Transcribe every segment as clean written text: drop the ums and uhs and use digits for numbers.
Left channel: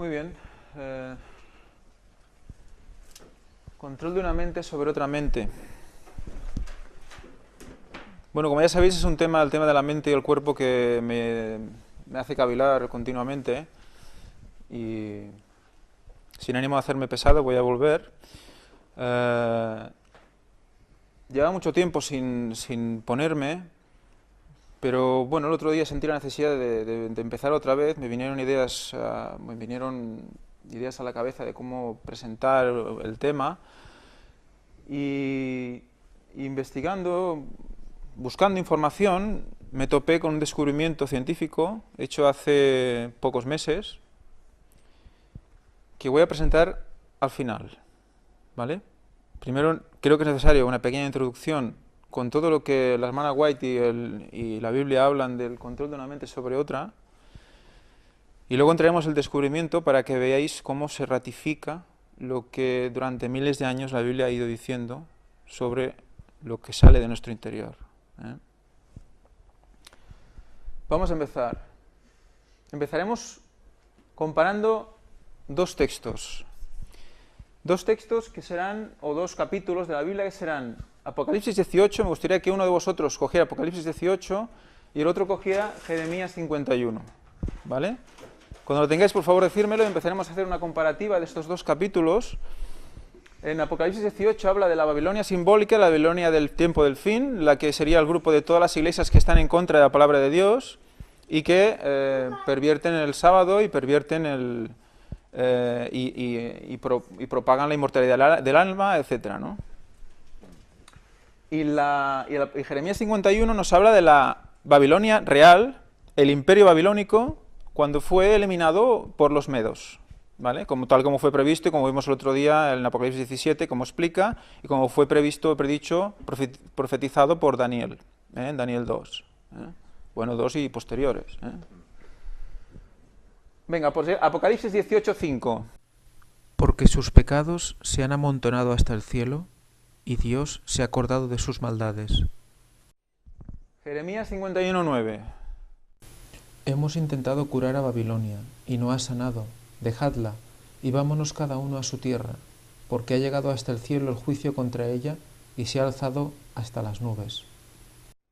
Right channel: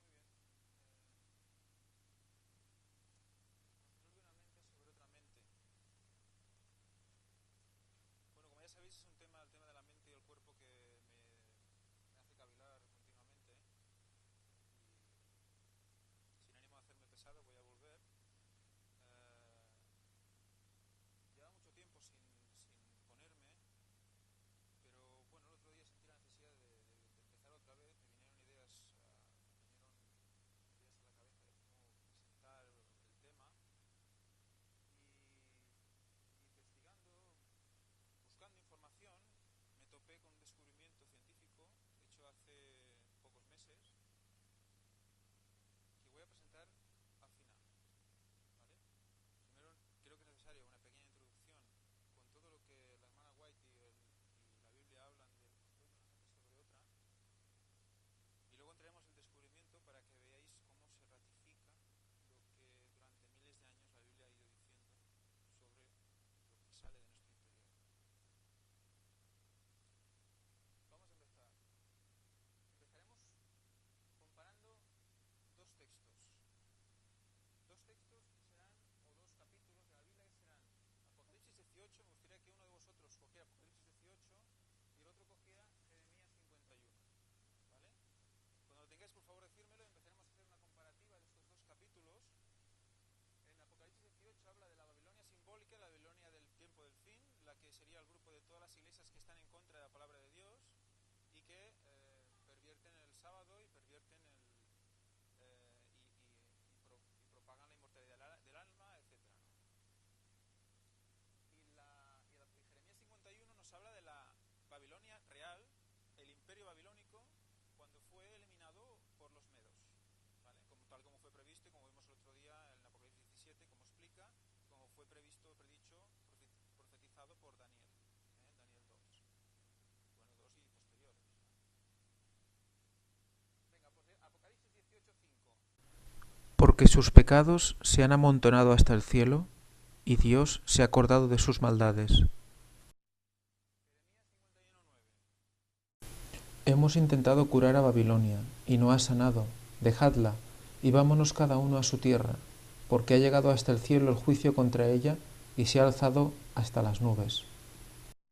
Muy bien. Control de una mente sobre otra mente. Bueno, como ya sabéis, es un tema, el tema de la mente y el cuerpo que me hace cavilar continuamente. Y sin ánimo de hacerme pesado, voy a volver. Llevaba mucho tiempo sin ponerme, pero bueno, el otro día sentí la necesidad de empezar otra vez. Me vinieron ideas a la cabeza de cómo presentar el tema. Y investigando, buscando información, me topé con un descubrimiento científico hecho hace pocos meses que voy a presentar al final, ¿vale? Primero, creo que es necesario una pequeña introducción con todo lo que la hermana White y la Biblia hablan del control de una mente sobre otra, y luego entraremos el descubrimiento para que veáis cómo se ratifica lo que durante miles de años la Biblia ha ido diciendo sobre lo que sale de nuestro interior. Vamos a empezar. Empezaremos comparando dos textos. Dos textos que serán, o dos capítulos de la Biblia que serán Apocalipsis 18, me gustaría que uno de vosotros cogiera Apocalipsis 18 y el otro cogiera Jeremías 51, ¿vale? Cuando lo tengáis, por favor, decírmelo y empezaremos a hacer una comparativa de estos dos capítulos. En Apocalipsis 18 habla de la Babilonia simbólica, la Babilonia del tiempo del fin, la que sería el grupo de todas las iglesias que están en contra de la palabra de Dios y que pervierten el sábado y pervierten y propagan la inmortalidad del alma, etc., ¿no? Y Jeremías 51 nos habla de la Babilonia real, el imperio babilónico, cuando fue eliminado por los medos, ¿vale? Tal como fue previsto y como vimos el otro día en Apocalipsis 17, como explica, y como fue predicho, profetizado por Daniel, en Daniel 2. Bueno, 2 y posteriores. Venga, pues Apocalipsis 18, 5. Porque sus pecados se han amontonado hasta el cielo, y Dios se ha acordado de sus maldades. Jeremías 51, 9. Hemos intentado curar a Babilonia, y no ha sanado. Dejadla, y vámonos cada uno a su tierra, porque ha llegado hasta el cielo el juicio contra ella, y se ha alzado hasta las nubes.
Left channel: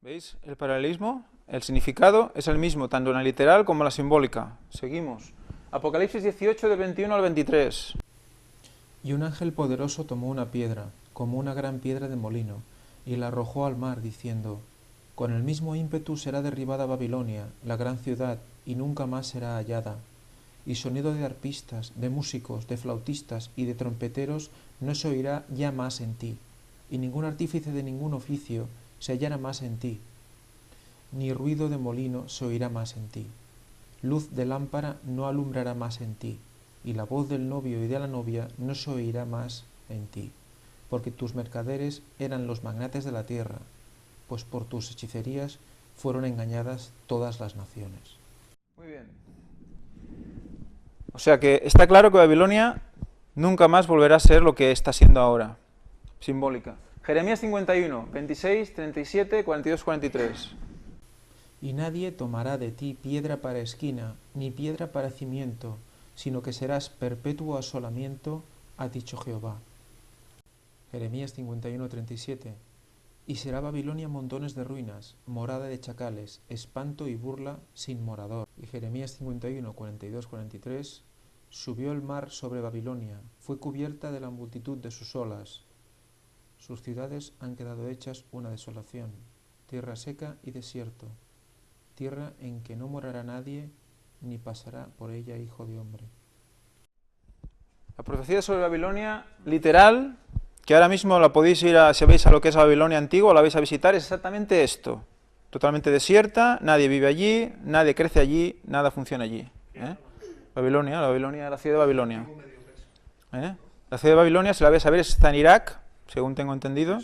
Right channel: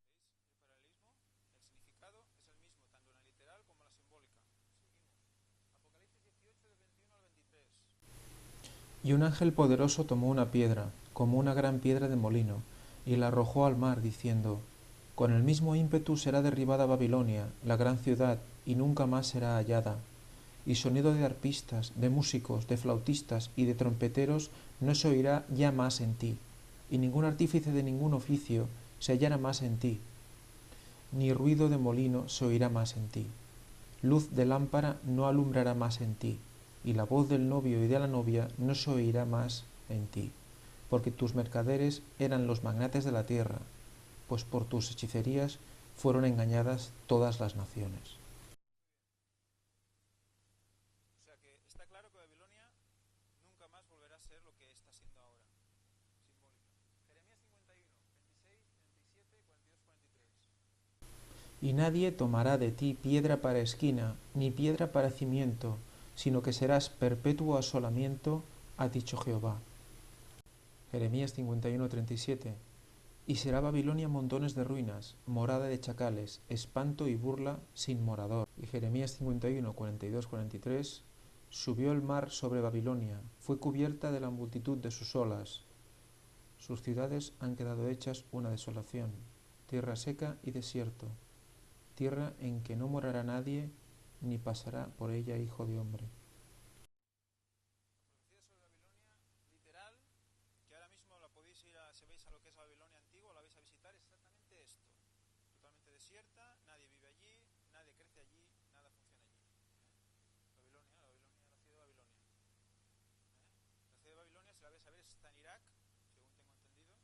¿Veis el paralelismo? El significado es el mismo, tanto en la literal como en la simbólica. Seguimos. Apocalipsis 18, del 21 al 23. Y un ángel poderoso tomó una piedra, como una gran piedra de molino, y la arrojó al mar, diciendo: Con el mismo ímpetu será derribada Babilonia, la gran ciudad, y nunca más será hallada. Y sonido de arpistas, de músicos, de flautistas y de trompeteros no se oirá ya más en ti, y ningún artífice de ningún oficio se hallará más en ti, ni ruido de molino se oirá más en ti. Luz de lámpara no alumbrará más en ti, y la voz del novio y de la novia no se oirá más en ti, porque tus mercaderes eran los magnates de la tierra, pues por tus hechicerías fueron engañadas todas las naciones. Muy bien. O sea que está claro que Babilonia nunca más volverá a ser lo que está siendo ahora, simbólica. Jeremías 51, 26, 37, 42, 43. Y nadie tomará de ti piedra para esquina, ni piedra para cimiento, sino que serás perpetuo asolamiento, ha dicho Jehová. Jeremías 51, 37. Y será Babilonia montones de ruinas, morada de chacales, espanto y burla sin morador. Y Jeremías 51, 42, 43. Subió el mar sobre Babilonia, fue cubierta de la multitud de sus olas. Sus ciudades han quedado hechas una desolación, tierra seca y desierto, tierra en que no morará nadie, ni pasará por ella hijo de hombre. La profecía sobre Babilonia, literal, que ahora mismo la podéis ir si veis a lo que es Babilonia antigua, la vais a visitar, es exactamente esto. Totalmente desierta, nadie vive allí, nadie crece allí, nada funciona allí. Babilonia, la ciudad de Babilonia. La ciudad de Babilonia, si la vais a ver, está en Irak, según tengo entendido.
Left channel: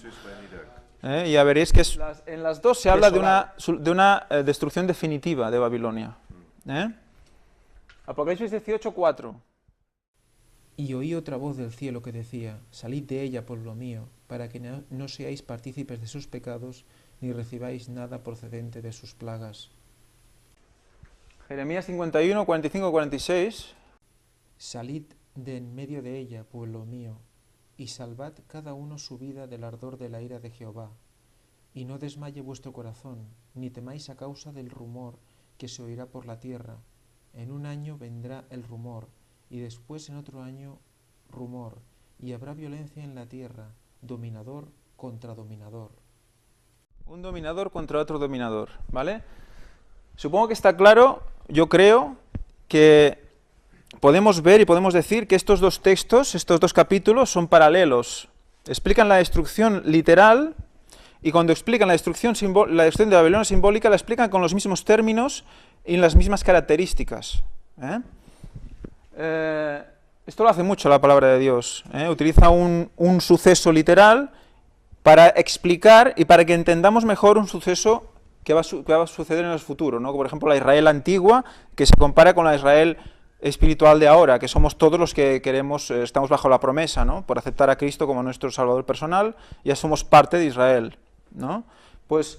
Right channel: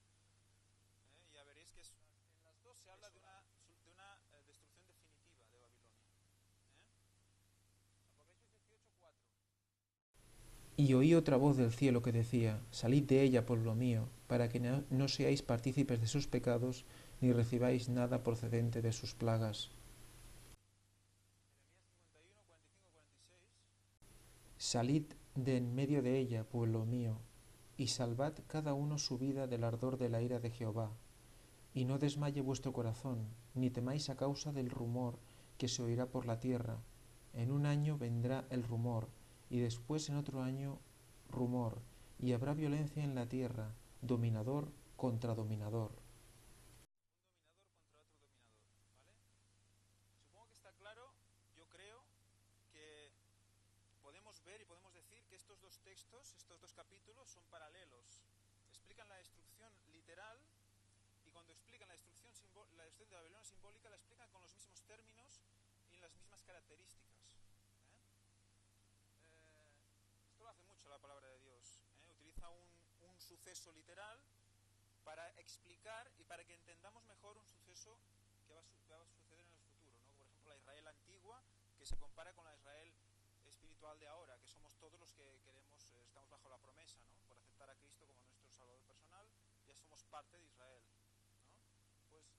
Y ya veréis que en las dos se habla de una destrucción definitiva de Babilonia. Apocalipsis 18, 4. Y oí otra voz del cielo que decía: Salid de ella, pueblo mío, para que no seáis partícipes de sus pecados, ni recibáis nada procedente de sus plagas. Jeremías 51, 45, 46. Salid de en medio de ella, pueblo mío, y salvad cada uno su vida del ardor de la ira de Jehová. Y no desmaye vuestro corazón, ni temáis a causa del rumor que se oirá por la tierra. En un año vendrá el rumor, y después en otro año rumor, y habrá violencia en la tierra, dominador contra dominador. Un dominador contra otro dominador, ¿vale? Supongo que está claro, yo creo, que podemos ver y podemos decir que estos dos textos, estos dos capítulos, son paralelos. Explican la destrucción literal, y cuando explican la destrucción de Babilonia simbólica, la explican con los mismos términos y las mismas características. Esto lo hace mucho la palabra de Dios. Utiliza un suceso literal para explicar y para que entendamos mejor un suceso que va a suceder en el futuro, ¿no? Por ejemplo, la Israel antigua, que se compara con la Israel espiritual de ahora, que somos todos los que queremos, estamos bajo la promesa, ¿no? Por aceptar a Cristo como nuestro Salvador personal, ya somos parte de Israel, ¿no? Pues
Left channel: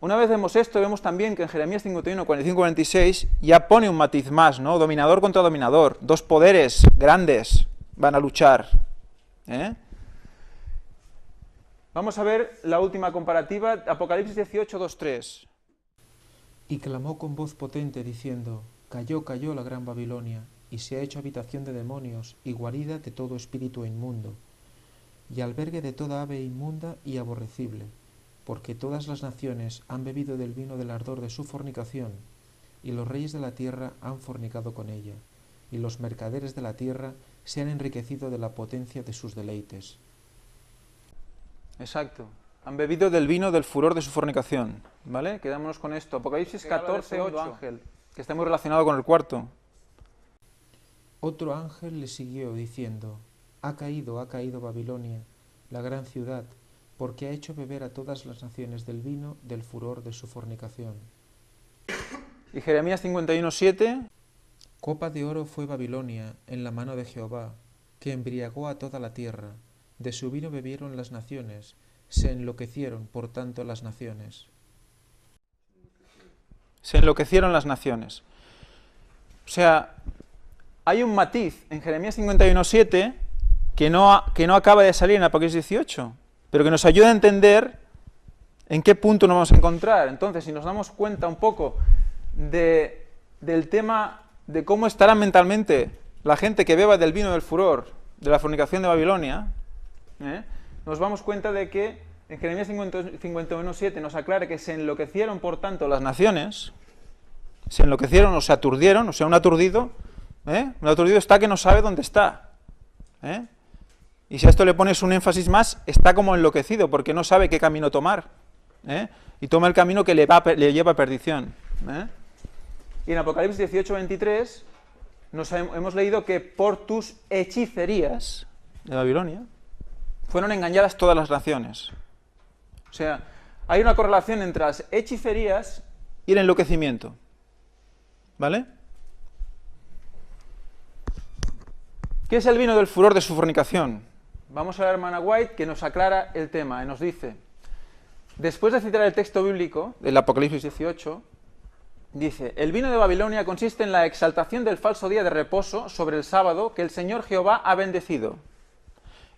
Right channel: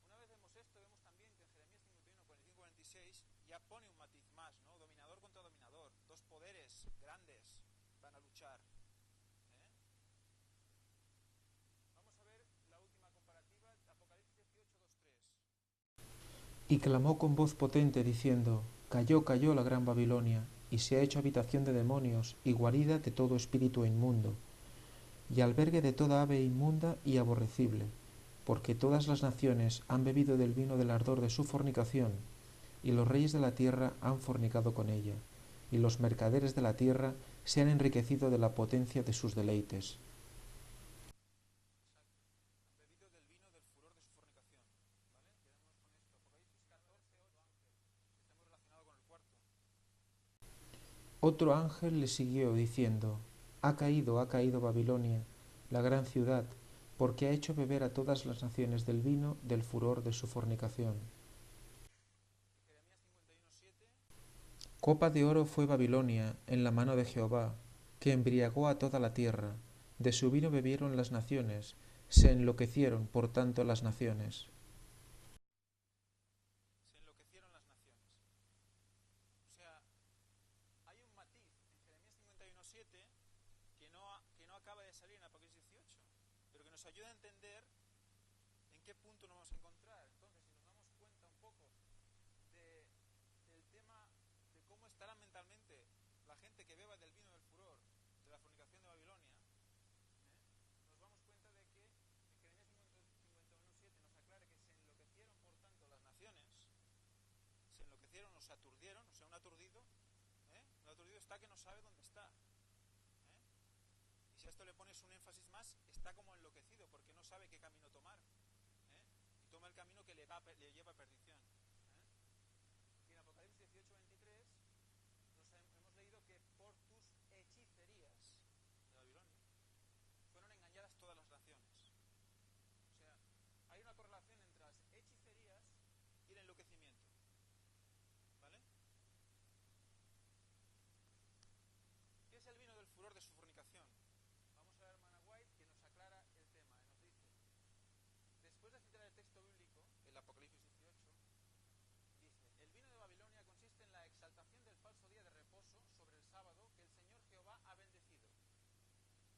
una vez vemos esto, vemos también que en Jeremías 51, 45, 46 ya pone un matiz más, ¿no? Dominador contra dominador, dos poderes grandes van a luchar. Vamos a ver la última comparativa, Apocalipsis 18, 2, 3. Y clamó con voz potente diciendo: Cayó, cayó la gran Babilonia, y se ha hecho habitación de demonios, y guarida de todo espíritu inmundo, y albergue de toda ave inmunda y aborrecible, porque todas las naciones han bebido del vino del ardor de su fornicación, y los reyes de la tierra han fornicado con ella, y los mercaderes de la tierra se han enriquecido de la potencia de sus deleites. Exacto. Han bebido del vino del furor de su fornicación, ¿vale? Quedámonos con esto. Apocalipsis 14, 8. Ángel, que está muy relacionado con el cuarto. Otro ángel le siguió diciendo: ha caído Babilonia, la gran ciudad, porque ha hecho beber a todas las naciones del vino del furor de su fornicación. Y Jeremías 51, 7. Copa de oro fue Babilonia en la mano de Jehová, que embriagó a toda la tierra. De su vino bebieron las naciones, se enloquecieron por tanto las naciones. Se enloquecieron las naciones. O sea, hay un matiz en Jeremías 51, 7 que no acaba de salir en Apocalipsis 18, pero que nos ayuda a entender en qué punto nos vamos a encontrar. Entonces, si nos damos cuenta un poco del tema de cómo estará mentalmente la gente que beba del vino del furor de la fornicación de Babilonia, nos damos cuenta de que en Jeremías 51, 7 nos aclara que se enloquecieron por tanto las naciones, se enloquecieron o se aturdieron, o sea, un aturdido está que no sabe dónde está. Y si a esto le pones un énfasis más, está como enloquecido, porque no sabe qué camino tomar. Y toma el camino que le lleva a perdición. Y en Apocalipsis 18, 23 hemos leído que por tus hechicerías de Babilonia fueron engañadas todas las naciones. O sea, hay una correlación entre las hechicerías y el enloquecimiento. ¿Vale? ¿Qué es el vino del furor de su fornicación? Vamos a la hermana White, que nos aclara el tema y nos dice, después de citar el texto bíblico del Apocalipsis 18, dice: el vino de Babilonia consiste en la exaltación del falso día de reposo sobre el sábado que el Señor Jehová ha bendecido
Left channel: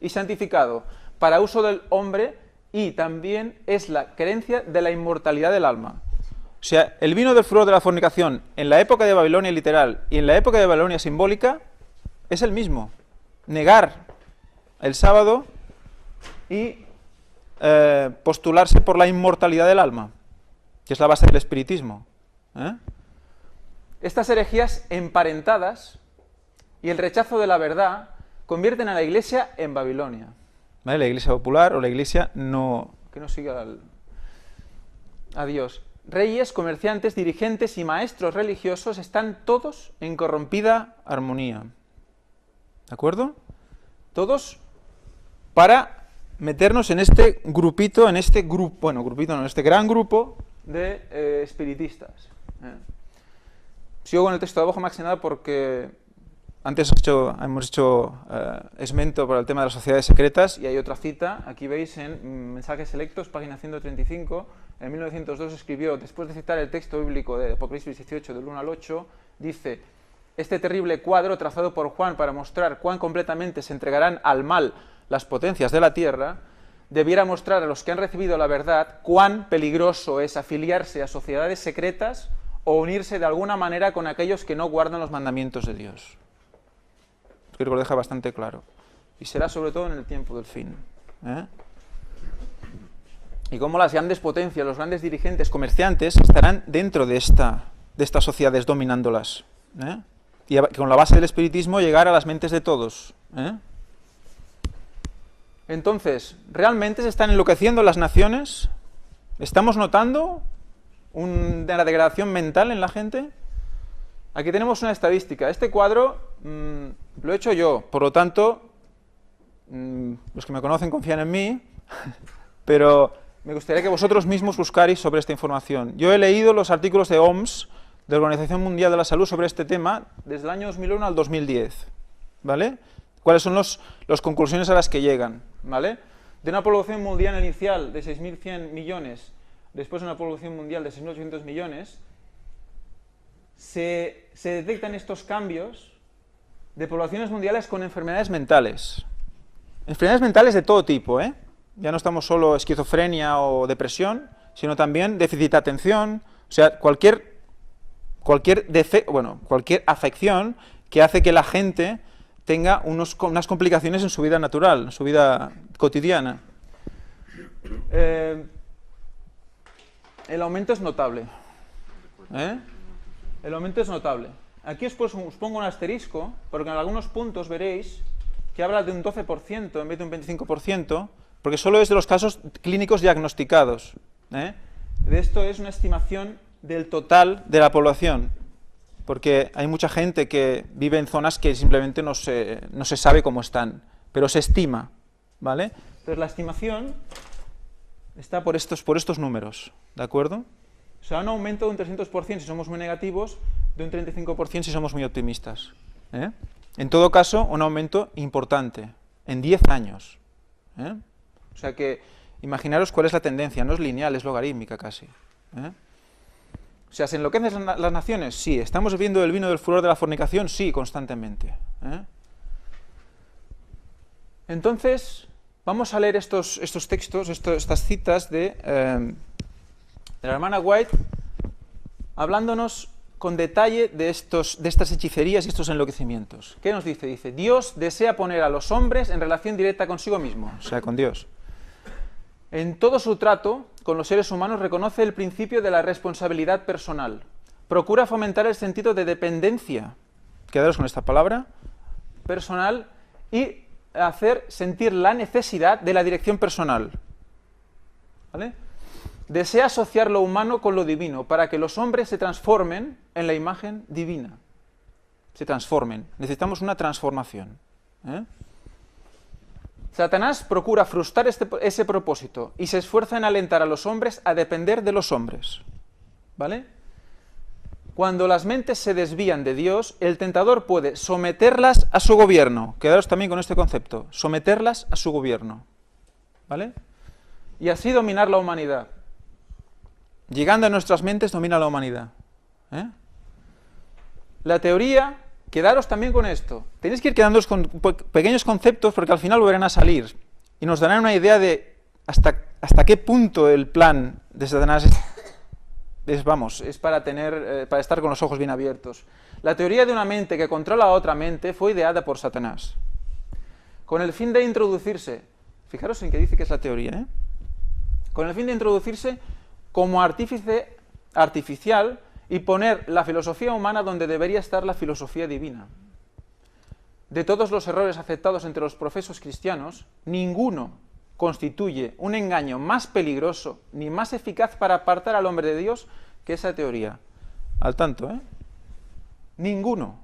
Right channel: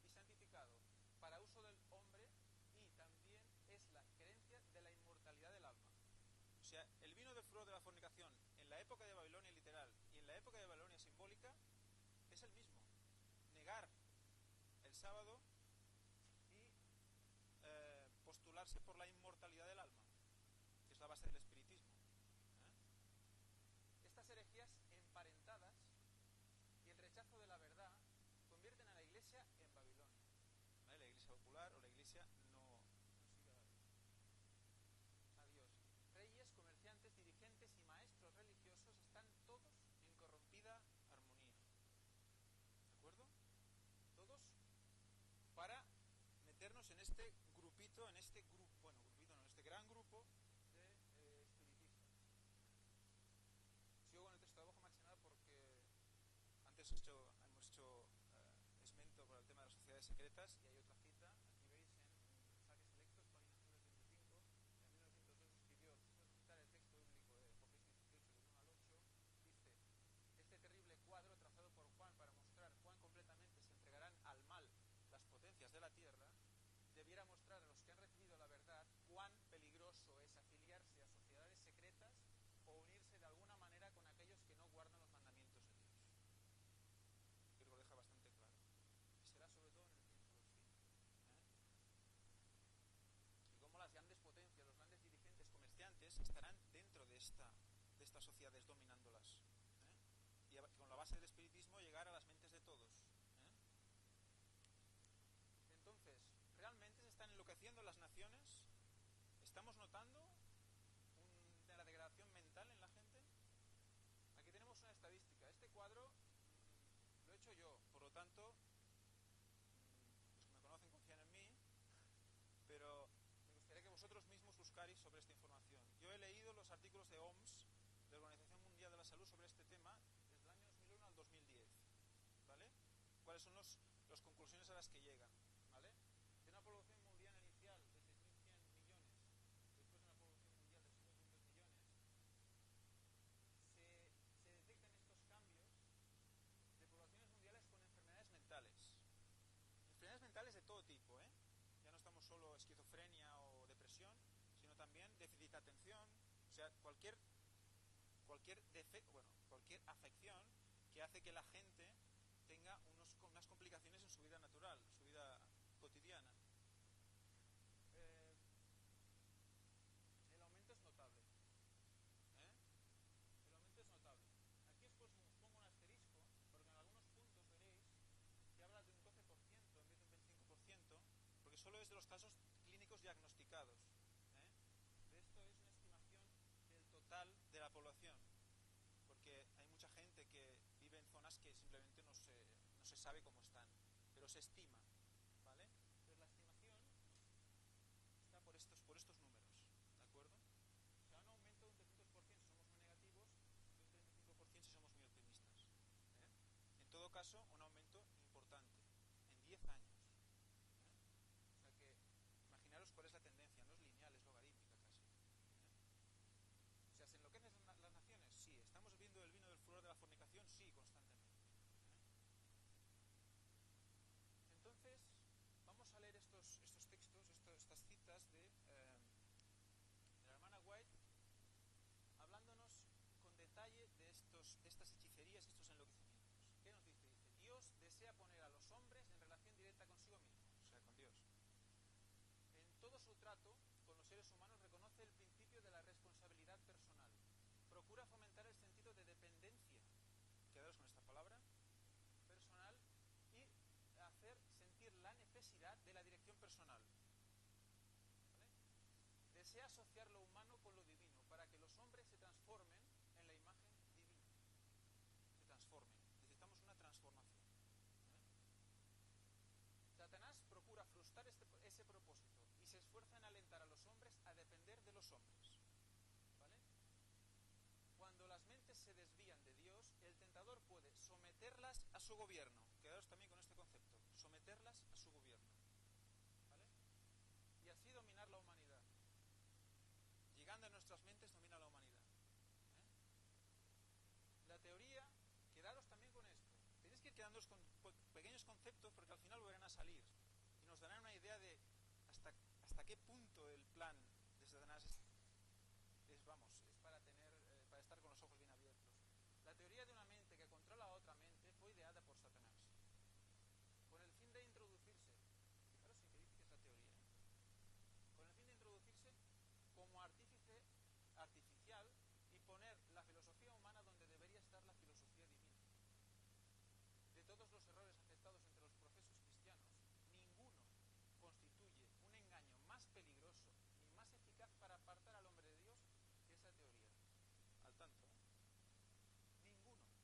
y santificado para uso del hombre, y también es la creencia de la inmortalidad del alma. O sea, el vino del furor de la fornicación en la época de Babilonia literal y en la época de Babilonia simbólica es el mismo. Negar el sábado y postularse por la inmortalidad del alma, que es la base del espiritismo. Estas herejías emparentadas y el rechazo de la verdad convierten a la iglesia en Babilonia. ¿Vale? La iglesia popular o la iglesia que no siga a Dios. Reyes, comerciantes, dirigentes y maestros religiosos están todos en corrompida armonía. ¿De acuerdo? Todos para meternos en este grupito, en este gran grupo de espiritistas. Sigo con el texto de abajo más que nada porque antes hemos hecho esmento por el tema de las sociedades secretas, y hay otra cita, aquí veis en Mensajes Selectos, página 135, en 1902 escribió, después de citar el texto bíblico de Apocalipsis 18 del 1 al 8, dice: este terrible cuadro trazado por Juan para mostrar cuán completamente se entregarán al mal las potencias de la tierra, debiera mostrar a los que han recibido la verdad cuán peligroso es afiliarse a sociedades secretas o unirse de alguna manera con aquellos que no guardan los mandamientos de Dios. Creo que lo deja bastante claro. Y será sobre todo en el tiempo del fin. Y cómo las grandes potencias, los grandes dirigentes comerciantes estarán dentro de estas sociedades dominándolas. Y con la base del espiritismo llegar a las mentes de todos. Entonces, ¿realmente se están enloqueciendo las naciones? ¿Estamos notando una degradación mental en la gente? Aquí tenemos una estadística. Este cuadro lo he hecho yo, por lo tanto, los que me conocen confían en mí, pero me gustaría que vosotros mismos buscarais sobre esta información. Yo he leído los artículos de OMS, de la Organización Mundial de la Salud, sobre este tema desde el año 2001 al 2010, ¿vale? ¿Cuáles son las conclusiones a las que llegan? ¿Vale? De una población mundial inicial de 6.100 millones, después de una población mundial de 6.800 millones, se detectan estos cambios de poblaciones mundiales con enfermedades mentales. Enfermedades mentales de todo tipo, Ya no estamos solo esquizofrenia o depresión, sino también déficit de atención, o sea, cualquier afección que hace que la gente tenga unas complicaciones en su vida natural, en su vida cotidiana. El aumento es notable. El aumento es notable. Aquí os pongo un asterisco, porque en algunos puntos veréis que habla de un 12% en vez de un 25%, porque solo es de los casos clínicos diagnosticados. De esto es una estimación del total de la población, porque hay mucha gente que vive en zonas que simplemente no se sabe cómo están, pero se estima, ¿vale? Entonces la estimación está por estos números, ¿de acuerdo? O sea, un aumento de un 300% si somos muy negativos, de un 35% si somos muy optimistas. En todo caso, un aumento importante, en 10 años. O sea que, imaginaros cuál es la tendencia, no es lineal, es logarítmica casi. O sea, ¿se enloquecen las naciones? Sí. ¿Estamos bebiendo el vino del furor de la fornicación? Sí, constantemente. Entonces, vamos a leer estos textos, estas citas de la hermana White, hablándonos con detalle de estas hechicerías y estos enloquecimientos. ¿Qué nos dice? Dice, Dios desea poner a los hombres en relación directa consigo mismo, o sea, con Dios. En todo su trato con los seres humanos reconoce el principio de la responsabilidad personal. Procura fomentar el sentido de dependencia, quedaros con esta palabra, personal, y hacer sentir la necesidad de la dirección personal. ¿Vale? Desea asociar lo humano con lo divino para que los hombres se transformen en la imagen divina. Se transformen. Necesitamos una transformación. Satanás procura frustrar ese propósito y se esfuerza en alentar a los hombres a depender de los hombres. ¿Vale? Cuando las mentes se desvían de Dios, el tentador puede someterlas a su gobierno. Quedaros también con este concepto. Someterlas a su gobierno. ¿Vale? Y así dominar la humanidad. Llegando a nuestras mentes, domina la humanidad. La teoría, quedaros también con esto. Tenéis que ir quedándoos con pequeños conceptos porque al final volverán a salir y nos darán una idea de hasta qué punto el plan de Satanás es para estar con los ojos bien abiertos. La teoría de una mente que controla a otra mente fue ideada por Satanás con el fin de introducirse, fijaros en que dice que es la teoría, con el fin de introducirse como artífice artificial y poner la filosofía humana donde debería estar la filosofía divina. De todos los errores aceptados entre los profesos cristianos, ninguno constituye un engaño más peligroso ni más eficaz para apartar al hombre de Dios que esa teoría. Al tanto, Ninguno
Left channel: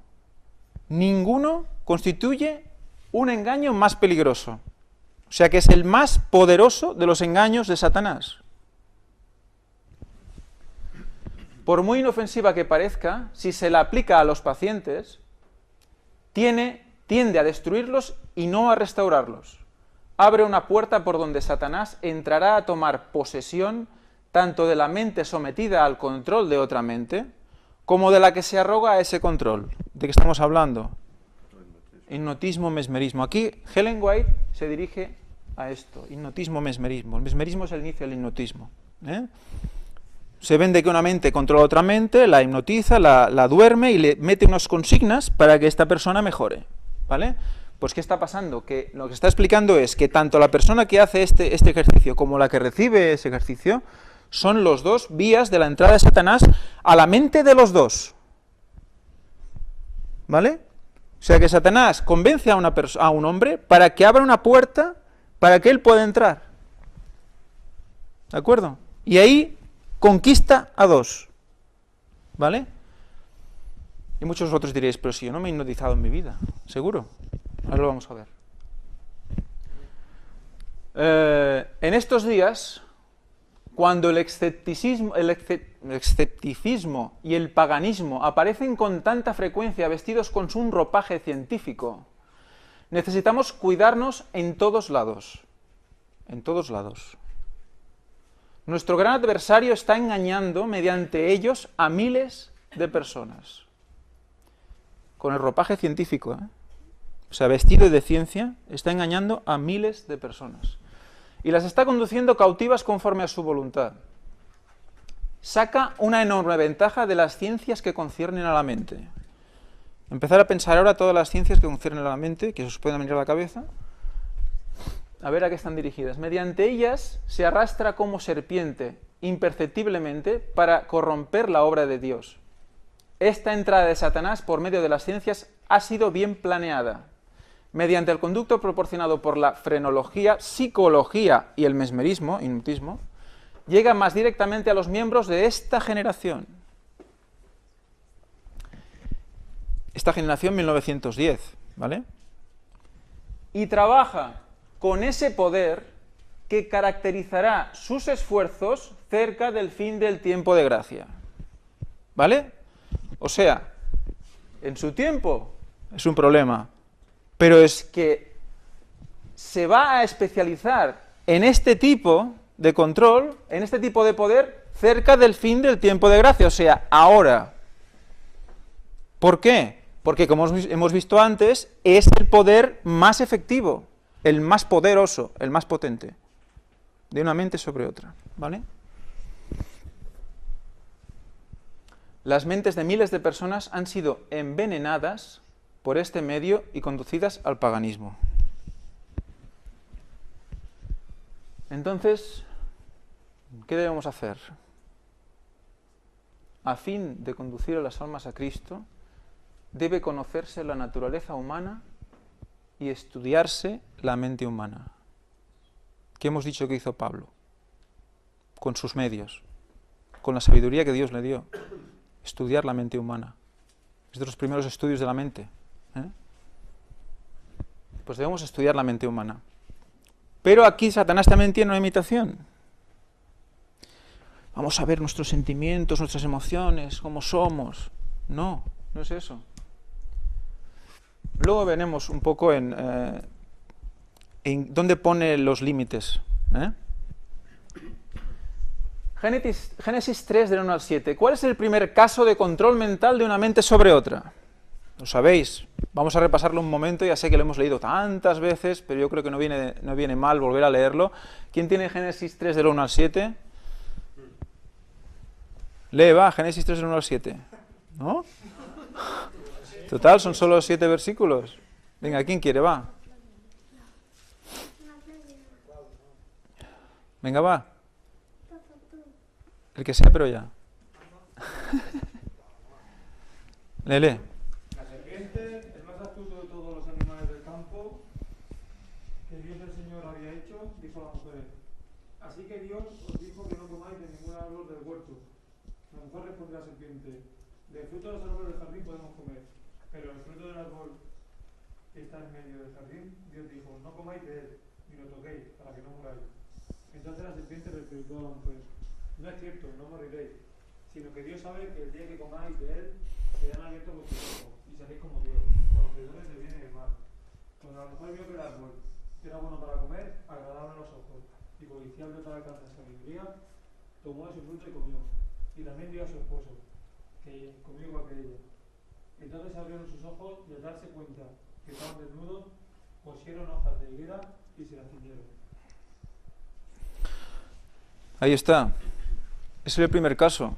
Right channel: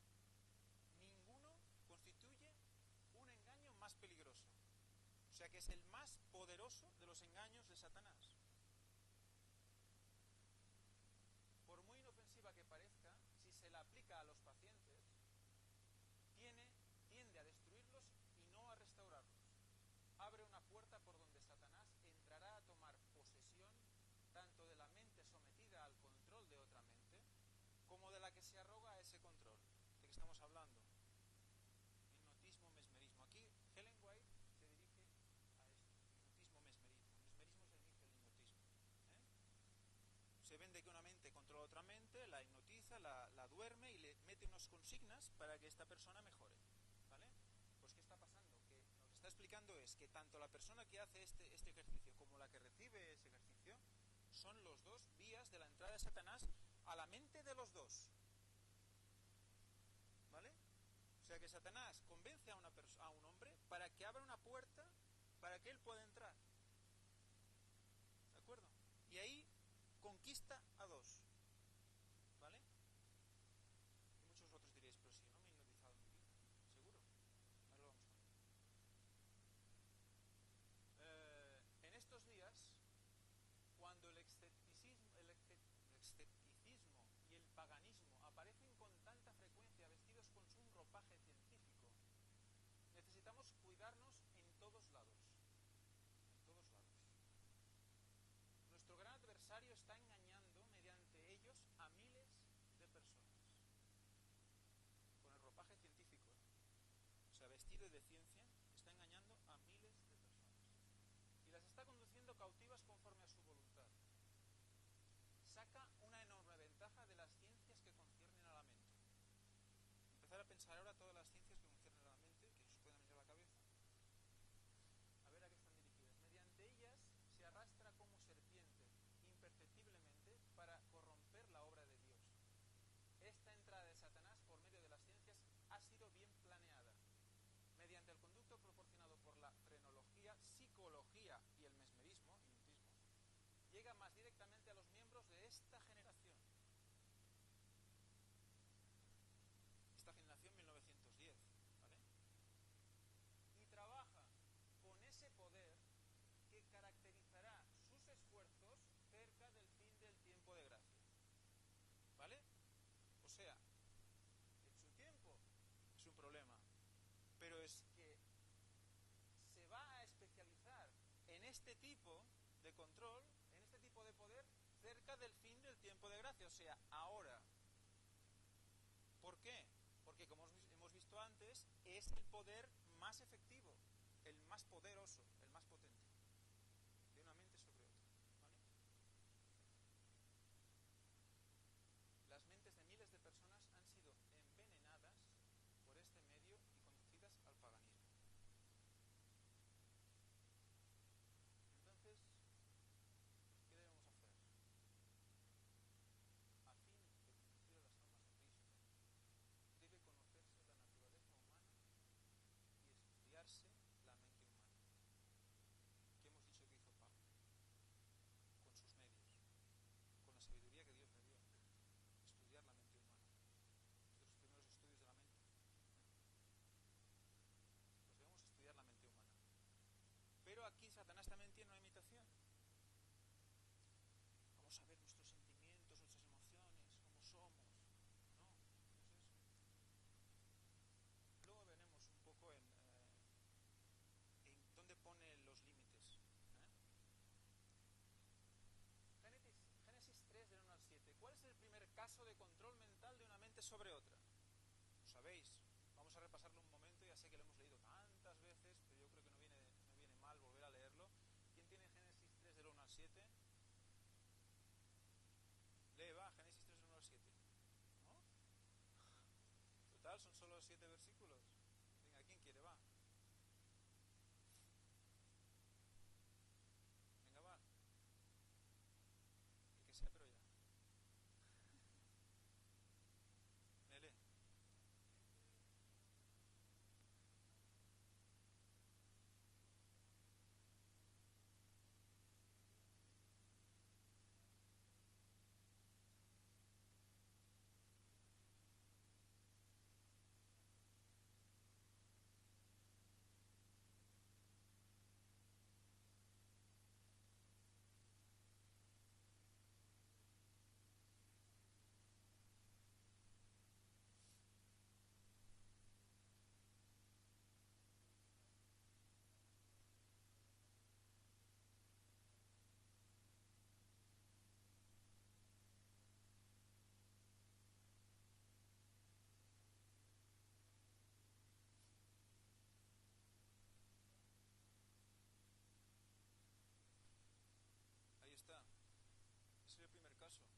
constituye un engaño más peligroso. O sea que es el más poderoso de los engaños de Satanás. Por muy inofensiva que parezca, si se la aplica a los pacientes, tiende a destruirlos y no a restaurarlos. Abre una puerta por donde Satanás entrará a tomar posesión tanto de la mente sometida al control de otra mente, como de la que se arroga a ese control. ¿De qué estamos hablando? Hipnotismo, mesmerismo. Aquí Ellen White se dirige a esto, hipnotismo, mesmerismo. El mesmerismo es el inicio del hipnotismo. Se vende que una mente controla otra mente, la hipnotiza, la duerme y le mete unas consignas para que esta persona mejore, ¿vale? Pues ¿qué está pasando? Que lo que está explicando es que tanto la persona que hace este ejercicio como la que recibe ese ejercicio son los dos vías de la entrada de Satanás a la mente de los dos, ¿vale? O sea que Satanás convence a un hombre para que abra una puerta para que él pueda entrar, ¿de acuerdo? Y ahí conquista a dos, ¿vale? Y muchos otros diréis, pero si yo no me he hipnotizado en mi vida, seguro. Ahora lo vamos a ver. En estos días, cuando el escepticismo y el paganismo aparecen con tanta frecuencia vestidos con un ropaje científico, necesitamos cuidarnos en todos lados. En todos lados. Nuestro gran adversario está engañando mediante ellos a miles de personas. Con el ropaje científico, o sea, vestido de ciencia, está engañando a miles de personas. Y las está conduciendo cautivas conforme a su voluntad. Saca una enorme ventaja de las ciencias que conciernen a la mente. Empezar a pensar ahora todas las ciencias que conciernen a la mente, que os pueden venir a la cabeza, a ver a qué están dirigidas. Mediante ellas se arrastra como serpiente, imperceptiblemente, para corromper la obra de Dios. Esta entrada de Satanás por medio de las ciencias ha sido bien planeada. Mediante el conducto proporcionado por la frenología, psicología y el mesmerismo, hipnotismo, llega más directamente a los miembros de esta generación. Esta generación 1910, ¿vale? Y trabaja con ese poder que caracterizará sus esfuerzos cerca del fin del tiempo de gracia. ¿Vale? O sea, en su tiempo es un problema, pero es que se va a especializar en este tipo de control, en este tipo de poder, cerca del fin del tiempo de gracia, o sea, ahora. ¿Por qué? Porque, como hemos visto antes, es el poder más efectivo, el más poderoso, el más potente, de una mente sobre otra, ¿vale? Las mentes de miles de personas han sido envenenadas por este medio y conducidas al paganismo. Entonces, ¿qué debemos hacer? A fin de conducir a las almas a Cristo, debe conocerse la naturaleza humana y estudiarse la mente humana. ¿Qué hemos dicho que hizo Pablo? Con sus medios, con la sabiduría que Dios le dio. Estudiar la mente humana. Es de los primeros estudios de la mente. Pues debemos estudiar la mente humana. Pero aquí Satanás también tiene una imitación. Vamos a ver nuestros sentimientos, nuestras emociones, cómo somos. No, no es eso. Luego veremos un poco en dónde pone los límites. Génesis 3, del 1 al 7. ¿Cuál es el primer caso de control mental de una mente sobre otra? Lo sabéis. Vamos a repasarlo un momento. Ya sé que lo hemos leído tantas veces, pero yo creo que no viene mal volver a leerlo. ¿Quién tiene Génesis 3, del 1 al 7? Lee, va, Génesis 3, del 1 al 7. ¿No? Total, son solo 7 versículos. Venga, ¿quién quiere? Va. Venga, va. El que sea, pero ya. Lee. La serpiente, el más astuto de todos los animales del campo que Dios el Señor había hecho, dijo a la mujer: así que Dios os dijo que no comáis de ningún árbol del huerto. La mujer respondió a la serpiente: del fruto de los árboles del jardín podemos comer, pero el fruto del árbol que está en medio del jardín, Dios dijo: no comáis de él, ni lo toquéis, para que no muráis. Entonces la serpiente replicó a la mujer: no es cierto, no moriréis, sino que Dios sabe que el día que comáis de él, serán abiertos vuestros ojos, y seréis como Dios, conocedores del bien y del mal. Cuando la mujer vio que el árbol era bueno para comer, agradable a los ojos, y codiciable para alcanzar sabiduría, tomó de su fruto y comió, y también dio a su esposo, que comió igual que ella. Entonces abrieron sus ojos y al darse cuenta que estaban desnudos, cosieron hojas de higuera y se las ciñeron. Ahí está. Ese es el primer caso.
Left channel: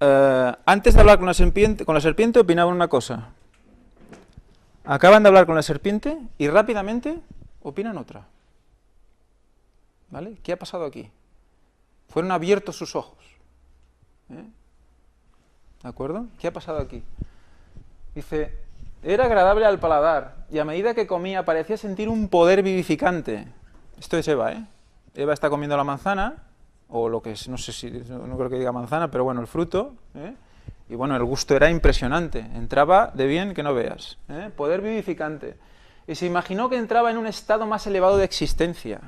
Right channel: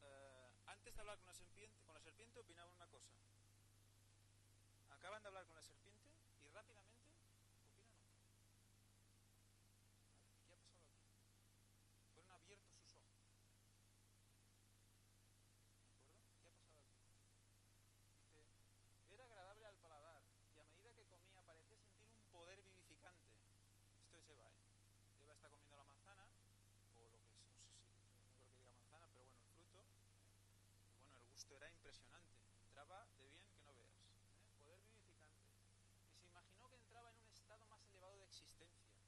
Antes de hablar con la serpiente opinaban una cosa. Acaban de hablar con la serpiente y rápidamente opinan otra. ¿Vale? ¿Qué ha pasado aquí? Fueron abiertos sus ojos. ¿De acuerdo? ¿Qué ha pasado aquí? Dice, era agradable al paladar y a medida que comía parecía sentir un poder vivificante. Esto es Eva, ¿eh? Eva está comiendo la manzana, o lo que es, no sé si, no creo que diga manzana, pero bueno, el fruto, y bueno, el gusto era impresionante, entraba de bien que no veas, poder vivificante. Y se imaginó que entraba en un estado más elevado de existencia.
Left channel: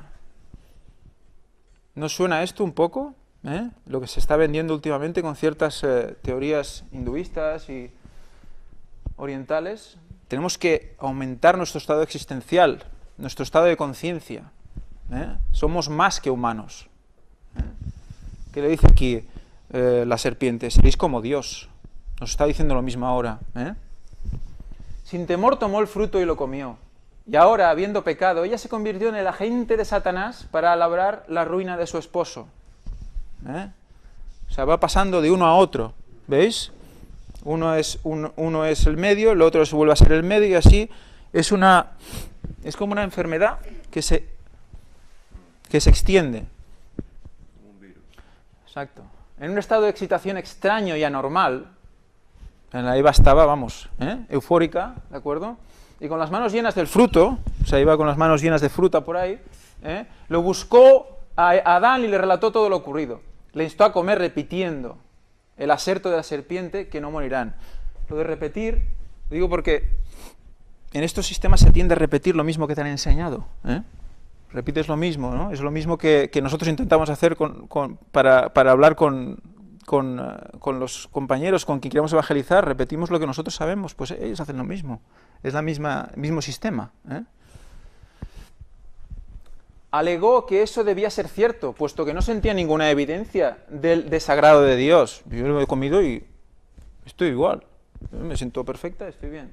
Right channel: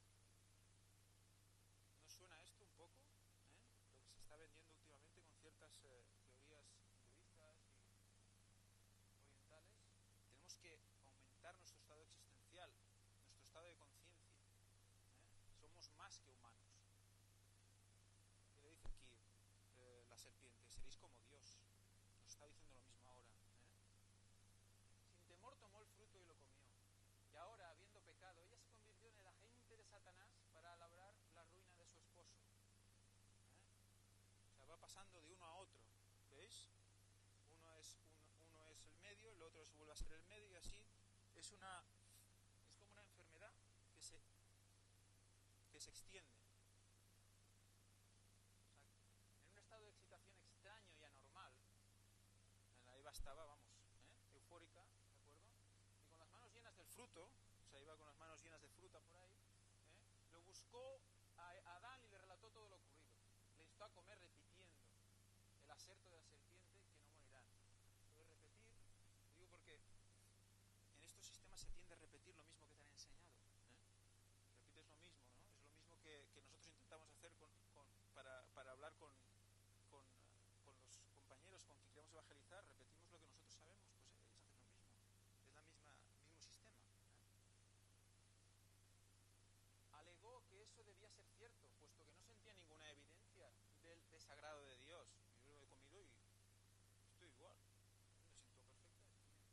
¿No suena esto un poco? Lo que se está vendiendo últimamente con ciertas teorías hinduistas y orientales. Tenemos que aumentar nuestro estado existencial, nuestro estado de conciencia. Somos más que humanos. ¿Qué le dice aquí la serpiente? Seréis como Dios. Nos está diciendo lo mismo ahora. Sin temor tomó el fruto y lo comió. Y ahora, habiendo pecado, ella se convirtió en el agente de Satanás para labrar la ruina de su esposo. O sea, va pasando de uno a otro. ¿Veis? Uno es el medio, el otro se vuelve a ser el medio y así es como una enfermedad que se extiende. Exacto. En un estado de excitación extraño y anormal, en la Eva estaba, vamos, eufórica, ¿de acuerdo? Y con las manos llenas del fruto, o sea, iba con las manos llenas de fruta por ahí, lo buscó a Adán y le relató todo lo ocurrido. Le instó a comer repitiendo el aserto de la serpiente que no morirán. Lo de repetir, lo digo porque en estos sistemas se tiende a repetir lo mismo que te han enseñado, Repites lo mismo, ¿no? Es lo mismo que nosotros intentamos hacer para hablar con los compañeros con quien queremos evangelizar. Repetimos lo que nosotros sabemos, pues ellos hacen lo mismo. Es el mismo sistema. Alegó que eso debía ser cierto, puesto que no sentía ninguna evidencia del desagrado de Dios. Yo lo he comido y estoy igual. Me siento perfecta, estoy bien.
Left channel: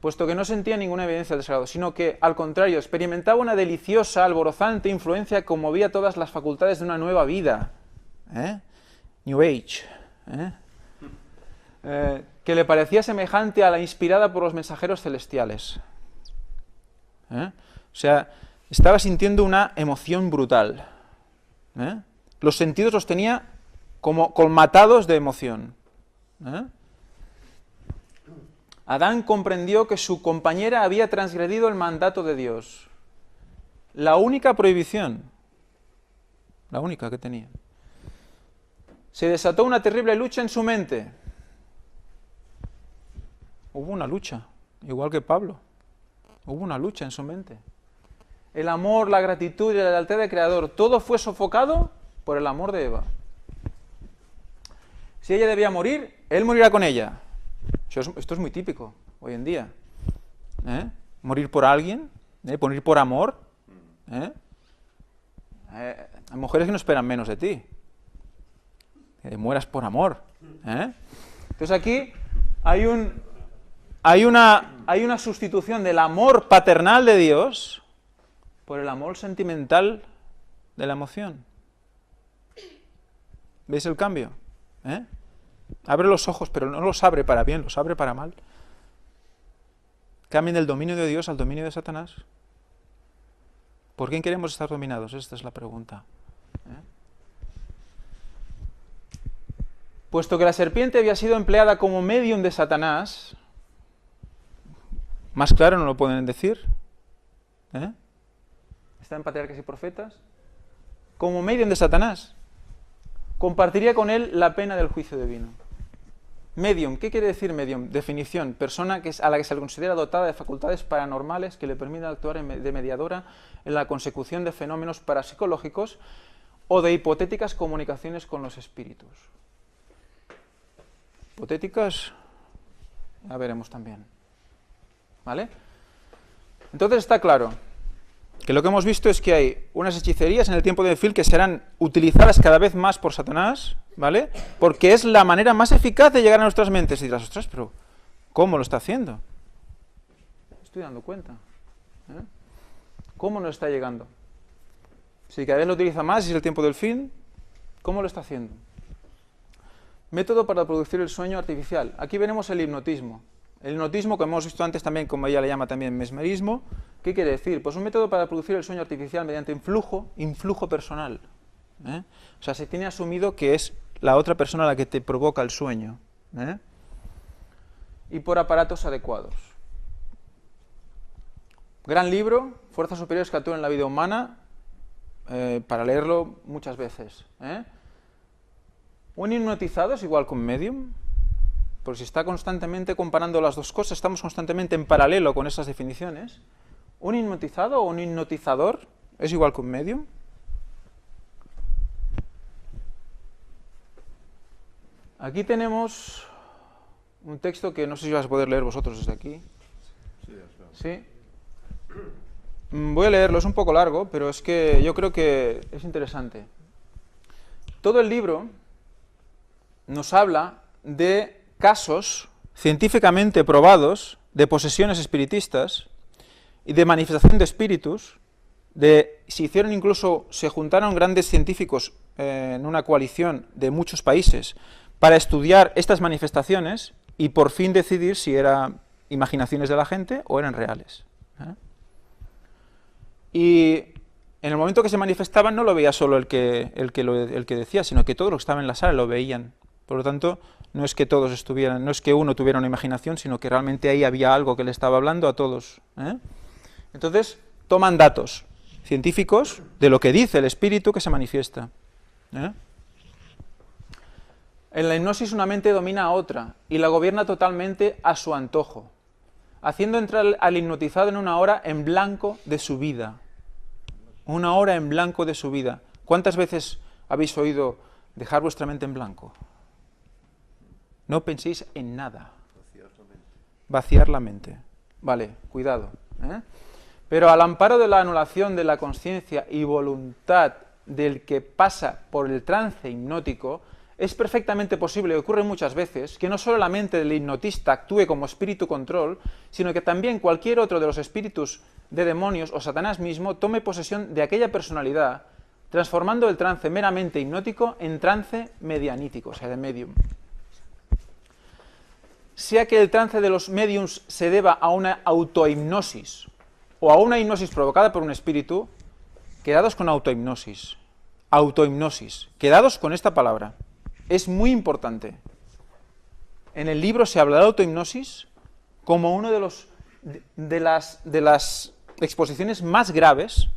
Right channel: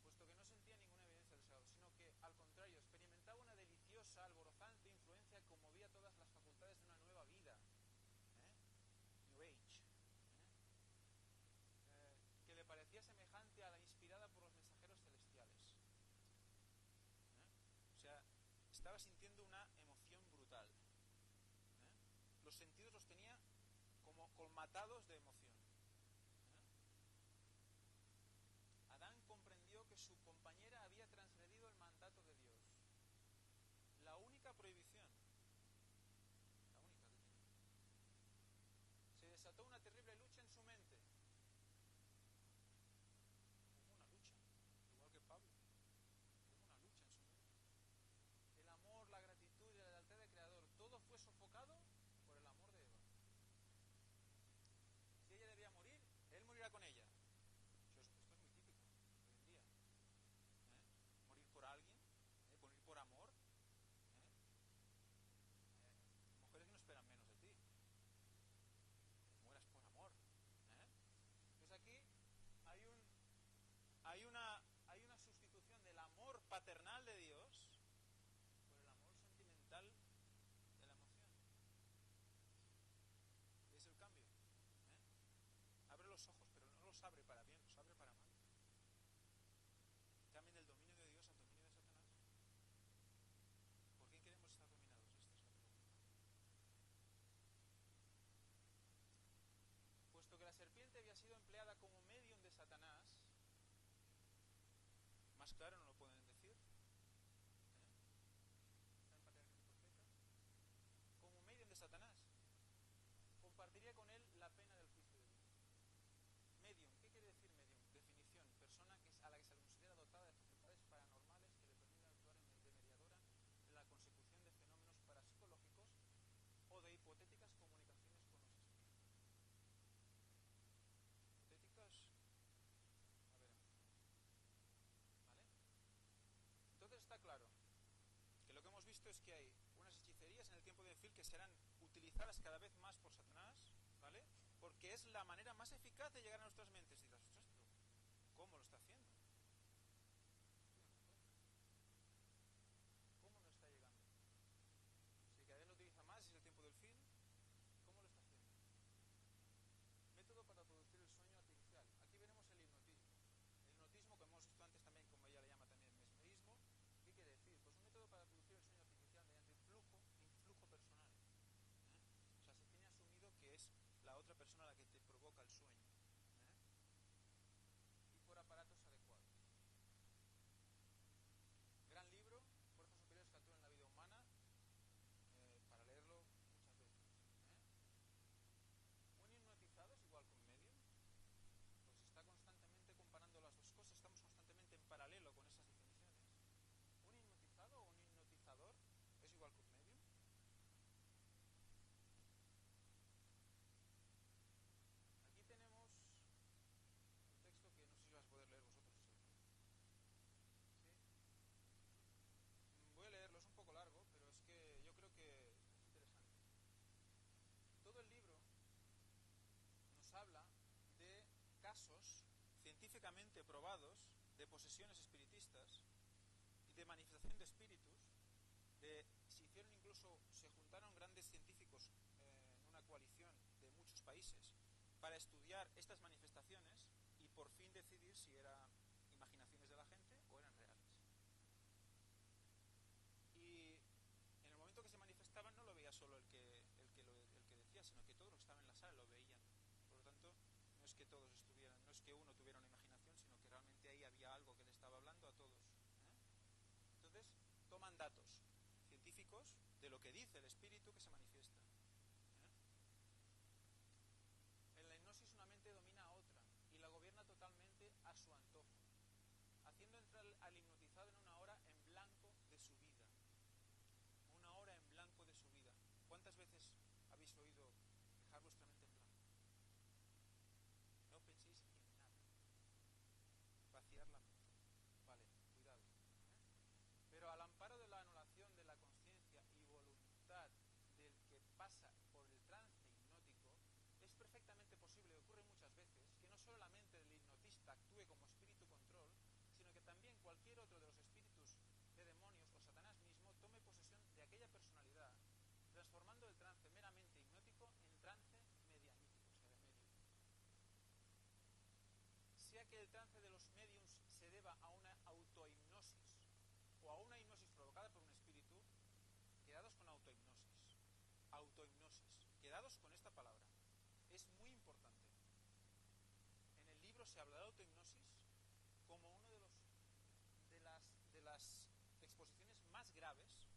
Puesto que no sentía ninguna evidencia del desagrado, sino que, al contrario, experimentaba una deliciosa, alborozante influencia que conmovía todas las facultades de una nueva vida. New Age. Que le parecía semejante a la inspirada por los mensajeros celestiales. O sea, estaba sintiendo una emoción brutal. Los sentidos los tenía como colmatados de emoción. Adán comprendió que su compañera había transgredido el mandato de Dios. La única prohibición, la única que tenía. Se desató una terrible lucha en su mente. Hubo una lucha, igual que Pablo. Hubo una lucha en su mente. El amor, la gratitud y la lealtad del Creador, todo fue sofocado por el amor de Eva. Si ella debía morir, él morirá con ella. Esto es muy típico hoy en día. Morir por alguien, morir por amor. Hay mujeres que no esperan menos de ti. Que mueras por amor. Entonces aquí hay una sustitución del amor paternal de Dios por el amor sentimental de la emoción. ¿Veis el cambio? Abre los ojos, pero no los abre para bien, los abre para mal. Cambien del dominio de Dios al dominio de Satanás. ¿Por quién queremos estar dominados? Esta es la pregunta. Puesto que la serpiente había sido empleada como medium de Satanás, más claro no lo pueden decir. Está en Patriarcas y Profetas. Como medium de Satanás, compartiría con él la pena del juicio divino. Medium, ¿qué quiere decir medium? Definición, persona a la que se le considera dotada de facultades paranormales que le permiten actuar de mediadora en la consecución de fenómenos parapsicológicos o de hipotéticas comunicaciones con los espíritus. Hipotéticas, ya veremos también. ¿Vale? Entonces está claro que lo que hemos visto es que hay unas hechicerías en el tiempo de Phil que serán utilizadas cada vez más por Satanás, ¿vale? Porque es la manera más eficaz de llegar a nuestras mentes. Y dirás, ostras, pero ¿cómo lo está haciendo? Me estoy dando cuenta. ¿Cómo nos está llegando? Si cada vez lo utiliza más y es el tiempo del fin, ¿cómo lo está haciendo? Método para producir el sueño artificial. Aquí veremos el hipnotismo. El hipnotismo, como hemos visto antes también, como ella le llama también mesmerismo, ¿qué quiere decir? Pues un método para producir el sueño artificial mediante influjo personal. O sea, se tiene asumido que es la otra persona la que te provoca el sueño. Y por aparatos adecuados. Gran libro, Fuerzas superiores que actúan en la vida humana, para leerlo muchas veces. Un hipnotizado es igual que un medium, porque si está constantemente comparando las dos cosas, estamos constantemente en paralelo con esas definiciones. ¿Un hipnotizado o un hipnotizador es igual que un medium? Aquí tenemos un texto que no sé si vais a poder leer vosotros desde aquí. ¿Sí? Voy a leerlo, es un poco largo, pero es que yo creo que es interesante. Todo el libro nos habla de casos científicamente probados de posesiones espiritistas y de manifestación de espíritus, se juntaron grandes científicos en una coalición de muchos países para estudiar estas manifestaciones y por fin decidir si eran imaginaciones de la gente o eran reales. Y en el momento que se manifestaban no lo veía solo el que decía, sino que todos los que estaban en la sala lo veían. Por lo tanto, no es que todos estuvieran, no es que uno tuviera una imaginación, sino que realmente ahí había algo que le estaba hablando a todos. Entonces, toman datos científicos de lo que dice el espíritu que se manifiesta. En la hipnosis una mente domina a otra y la gobierna totalmente a su antojo, haciendo entrar al hipnotizado en una hora en blanco de su vida. Una hora en blanco de su vida. ¿Cuántas veces habéis oído dejar vuestra mente en blanco? No penséis en nada. Vaciar la mente. Vale, cuidado. Pero al amparo de la anulación de la conciencia y voluntad del que pasa por el trance hipnótico, es perfectamente posible, y ocurre muchas veces, que no solo la mente del hipnotista actúe como espíritu control, sino que también cualquier otro de los espíritus de demonios o Satanás mismo tome posesión de aquella personalidad, transformando el trance meramente hipnótico en trance medianítico, o sea, de medium. Sea que el trance de los mediums se deba a una autohipnosis o a una hipnosis provocada por un espíritu, quedados con autohipnosis. Autohipnosis. Quedados con esta palabra. Es muy importante. En el libro se habla de autohipnosis como uno de las exposiciones más graves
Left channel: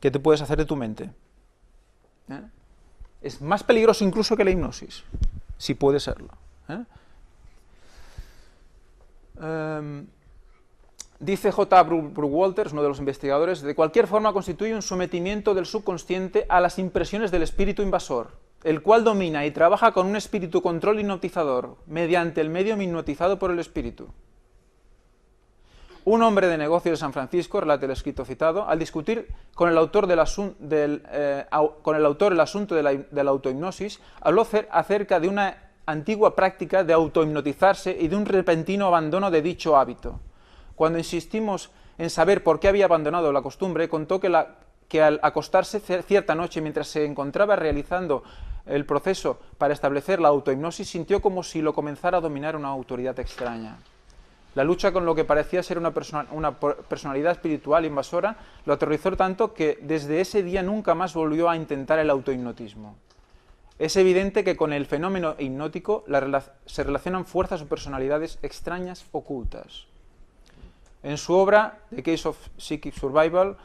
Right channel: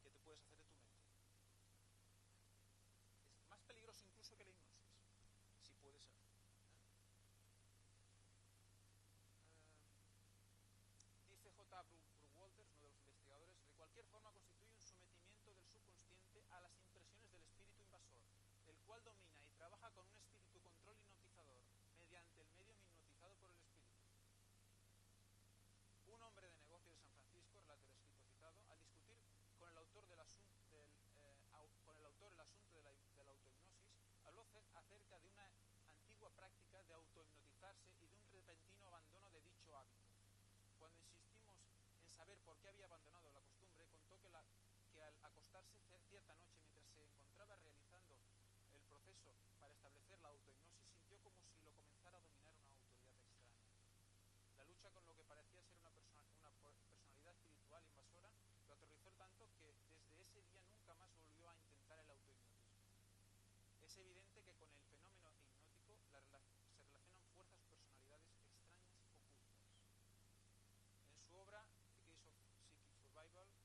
que te puedes hacer de tu mente. Es más peligroso incluso que la hipnosis, si puede serlo. Dice J. Brooke Walters, uno de los investigadores, de cualquier forma constituye un sometimiento del subconsciente a las impresiones del espíritu invasor, el cual domina y trabaja con un espíritu control hipnotizador, mediante el medium hipnotizado por el espíritu. Un hombre de negocios de San Francisco, relata el escrito citado, al discutir con el autor el asunto de la autohipnosis, habló acerca de una antigua práctica de autohipnotizarse y de un repentino abandono de dicho hábito. Cuando insistimos en saber por qué había abandonado la costumbre, contó que al acostarse cierta noche mientras se encontraba realizando el proceso para establecer la autohipnosis, sintió como si lo comenzara a dominar una autoridad extraña. La lucha con lo que parecía ser una personalidad espiritual invasora lo aterrorizó tanto que desde ese día nunca más volvió a intentar el autohipnotismo. Es evidente que con el fenómeno hipnótico se relacionan fuerzas o personalidades extrañas ocultas. En su obra The Case of Psychic Survival,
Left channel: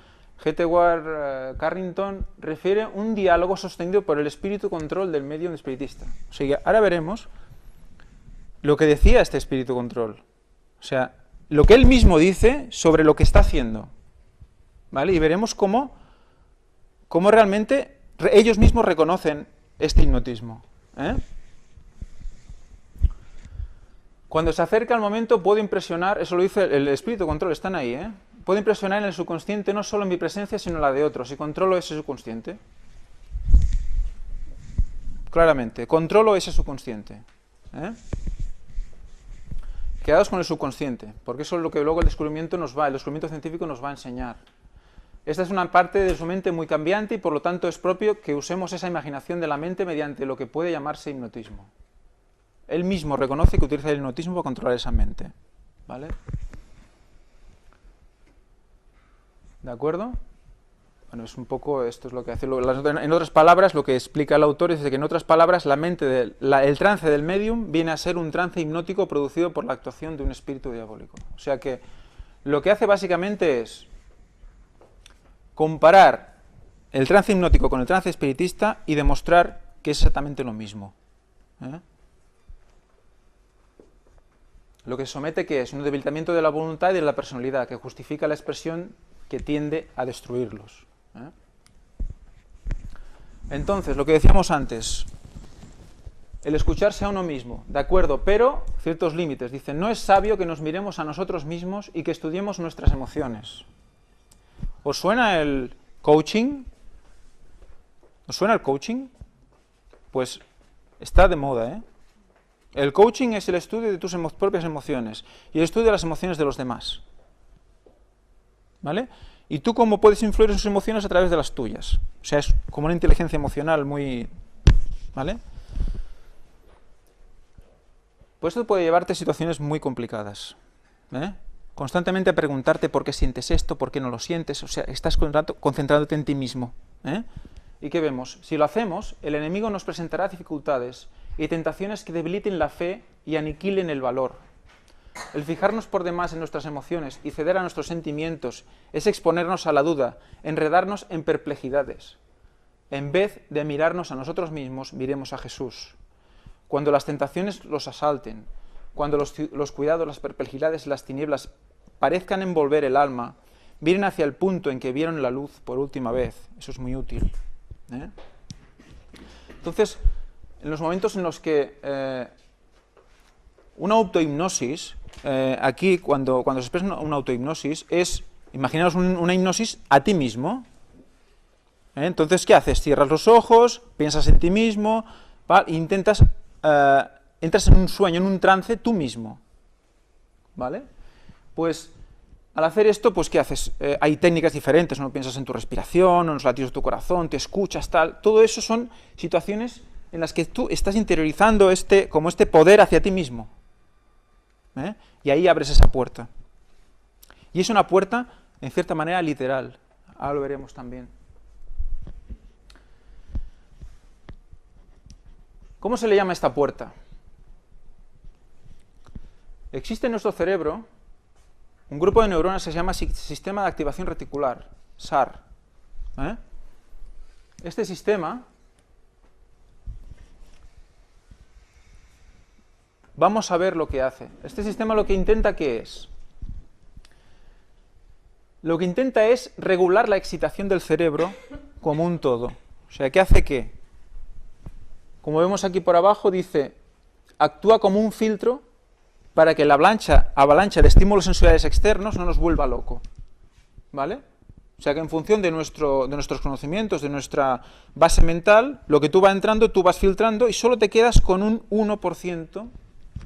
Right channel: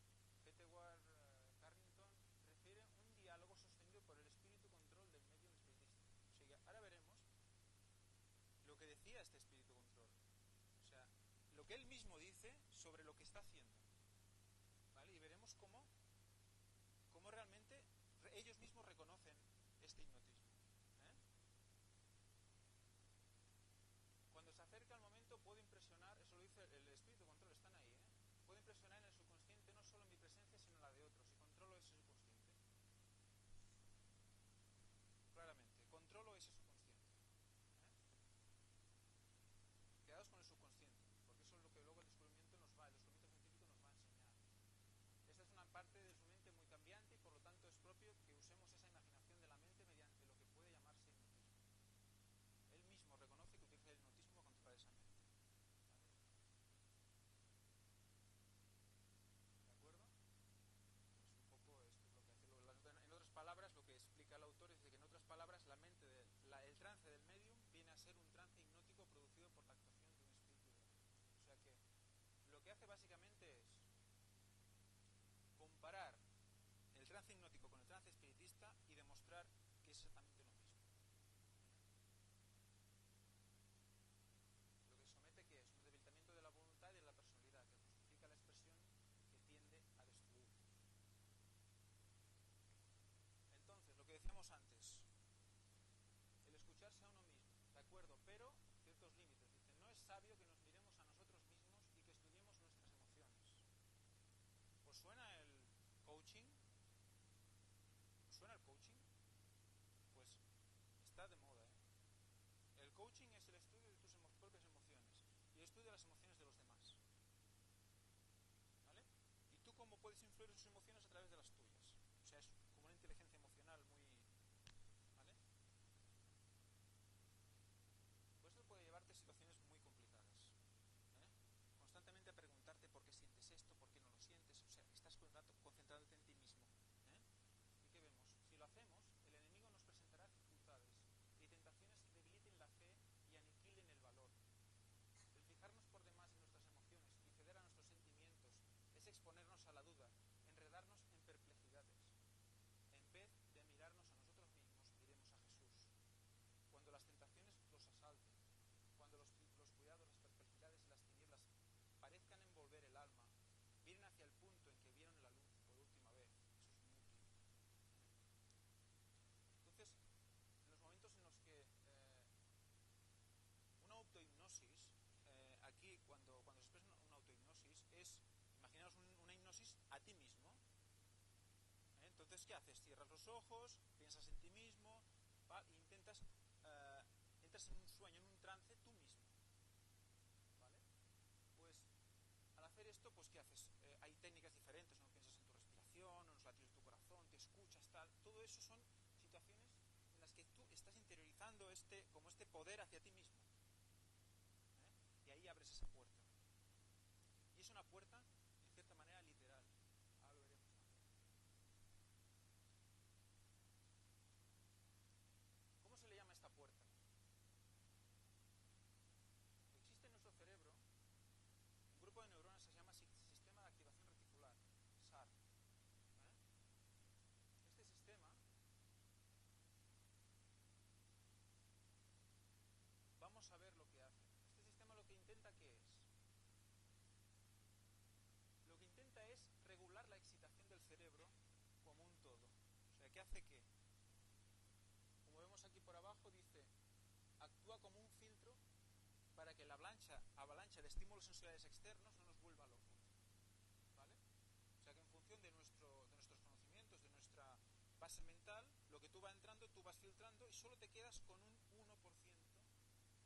G.T.Ward Carrington refiere un diálogo sostenido por el espíritu control del medium espiritista. O sea, ahora veremos lo que decía este espíritu control. O sea, lo que él mismo dice sobre lo que está haciendo. ¿Vale? Y veremos cómo realmente ellos mismos reconocen este hipnotismo. Cuando se acerca el momento puedo impresionar, eso lo dice el espíritu control, están ahí, puedo impresionar en el subconsciente no solo en mi presencia, sino en la de otros, y controlo ese subconsciente. claramente. Controlo ese subconsciente. Quedaos con el subconsciente, porque eso es lo que luego el descubrimiento científico nos va a enseñar. Esta es una parte de su mente muy cambiante y por lo tanto es propio que usemos esa imaginación de la mente mediante lo que puede llamarse hipnotismo. Él mismo reconoce que utiliza el hipnotismo para controlar esa mente. ¿Vale? ¿De acuerdo? Bueno, es un poco, esto es lo que hace. En otras palabras, lo que explica el autor es que en otras palabras, el trance del médium viene a ser un trance hipnótico producido por la actuación de un espíritu diabólico. O sea que lo que hace básicamente es comparar el trance hipnótico con el trance espiritista y demostrar que es exactamente lo mismo. Lo que se somete que es un debilitamiento de la voluntad y de la personalidad, que justifica la expresión que tiende a destruirlos. Entonces, lo que decíamos antes, el escucharse a uno mismo, de acuerdo, pero ciertos límites. Dice, no es sabio que nos miremos a nosotros mismos y que estudiemos nuestras emociones. ¿Os suena el coaching? ¿Os suena el coaching? Pues está de moda, El coaching es el estudio de tus propias emociones y el estudio de las emociones de los demás. ¿Vale? Y tú cómo puedes influir en sus emociones a través de las tuyas. O sea, es como una inteligencia emocional muy... ¿Vale? Pues esto puede llevarte a situaciones muy complicadas. Constantemente a preguntarte por qué sientes esto, por qué no lo sientes. O sea, estás concentrándote en ti mismo. ¿Y qué vemos? Si lo hacemos, el enemigo nos presentará dificultades y tentaciones que debiliten la fe y aniquilen el valor. El fijarnos por demás en nuestras emociones y ceder a nuestros sentimientos es exponernos a la duda, enredarnos en perplejidades. En vez de mirarnos a nosotros mismos, miremos a Jesús. Cuando las tentaciones los asalten, cuando los cuidados, las perplejidades y las tinieblas parezcan envolver el alma, miren hacia el punto en que vieron la luz por última vez. Eso es muy útil. Entonces, en los momentos en los que una autohipnosis, aquí cuando se expresa una autohipnosis, es, imaginaos una hipnosis a ti mismo. Entonces, ¿qué haces? Cierras los ojos, piensas en ti mismo, ¿vale? E entras en un sueño, en un trance tú mismo. ¿Vale? Pues al hacer esto, pues ¿qué haces? Hay técnicas diferentes, ¿no? Piensas en tu respiración, en los latidos de tu corazón, te escuchas, tal. Todo eso son situaciones en las que tú estás interiorizando como este poder hacia ti mismo. Y ahí abres esa puerta. Y es una puerta, en cierta manera, literal. Ahora lo veremos también. ¿Cómo se le llama a esta puerta? Existe en nuestro cerebro un grupo de neuronas que se llama Sistema de Activación Reticular, SAR. Este sistema, vamos a ver lo que hace. Este sistema lo que intenta, ¿qué es? Lo que intenta es regular la excitación del cerebro como un todo. O sea, ¿qué hace qué? Como vemos aquí por abajo, dice, actúa como un filtro para que la avalancha de estímulos sensoriales externos no nos vuelva loco. ¿Vale? O sea que en función de nuestros conocimientos, de nuestra base mental, lo que tú vas entrando, tú vas filtrando y solo te quedas con un 1%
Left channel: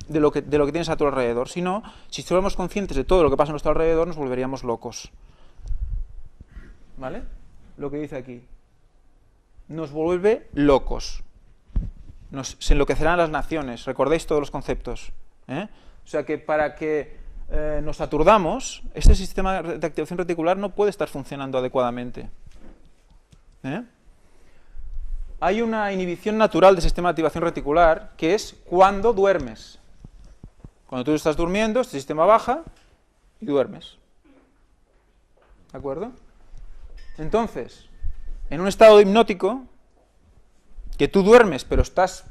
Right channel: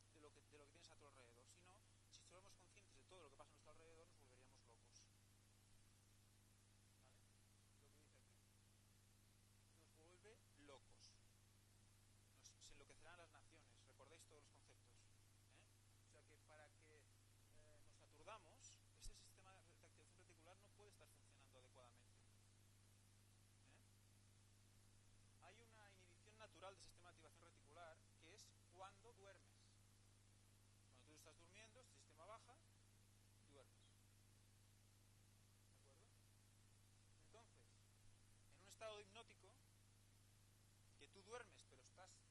de lo que tienes a tu alrededor. Si no, si estuviéramos conscientes de todo lo que pasa a nuestro alrededor, nos volveríamos locos. ¿Vale? Lo que dice aquí. Nos vuelve locos. Se enloquecerán las naciones. Recordéis todos los conceptos. O sea que para que nos aturdamos, este sistema de activación reticular no puede estar funcionando adecuadamente. Hay una inhibición natural del sistema de activación reticular que es cuando duermes. Cuando tú estás durmiendo, este sistema baja y duermes. ¿De acuerdo? Entonces, en un estado hipnótico, que tú duermes pero estás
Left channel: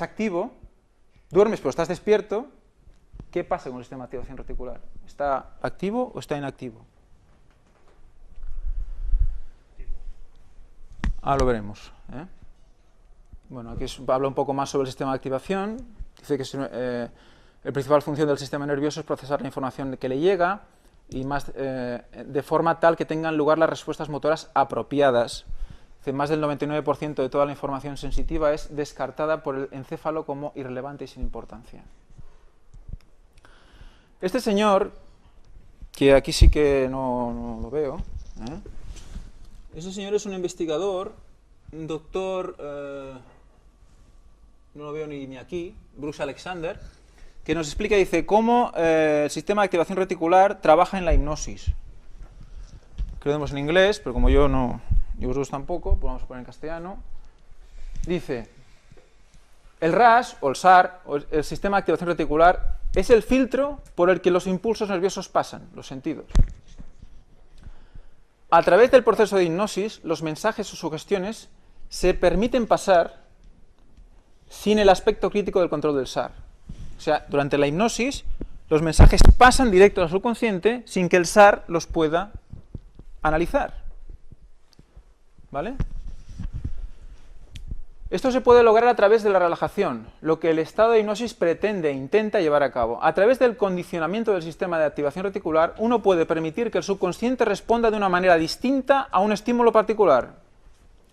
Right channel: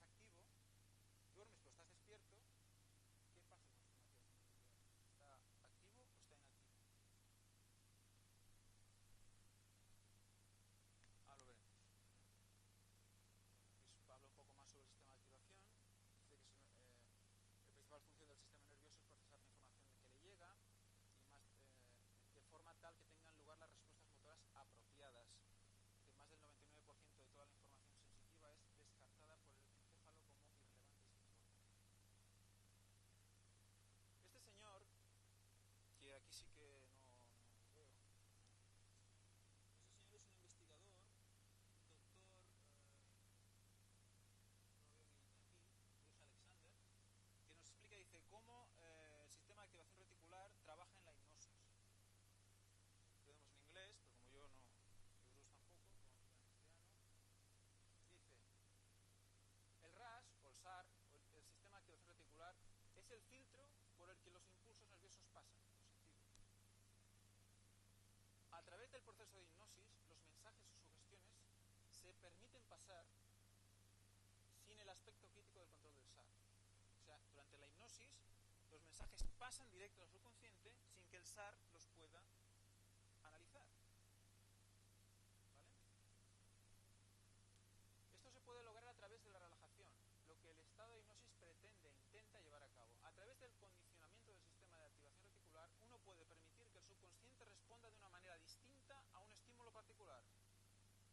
activo, duermes pero estás despierto, ¿qué pasa con el sistema de activación reticular? ¿Está activo o está inactivo? Ahora lo veremos. Bueno, aquí habla un poco más sobre el sistema de activación. Dice que la principal función del sistema nervioso es procesar la información que le llega y más de forma tal que tengan lugar las respuestas motoras apropiadas, Más del 99% de toda la información sensitiva es descartada por el encéfalo como irrelevante y sin importancia. Este señor, que aquí sí que no lo veo, ese señor es un investigador, un doctor, no lo veo ni aquí, Bruce Alexander, que nos explica, dice, cómo el sistema de activación reticular trabaja en la hipnosis. Que lo vemos en inglés, pero como yo no, y vosotros tampoco, pues vamos a poner en castellano. Dice, el RAS, o el SAR, o el sistema de activación reticular, es el filtro por el que los impulsos nerviosos pasan, los sentidos. A través del proceso de hipnosis, los mensajes o sugestiones se permiten pasar sin el aspecto crítico del control del SAR. O sea, durante la hipnosis, los mensajes pasan directo al subconsciente sin que el SAR los pueda analizar. ¿Vale? Esto se puede lograr a través de la relajación, lo que el estado de hipnosis pretende e intenta llevar a cabo. A través del condicionamiento del sistema de activación reticular, uno puede permitir que el subconsciente responda de una manera distinta a un estímulo particular.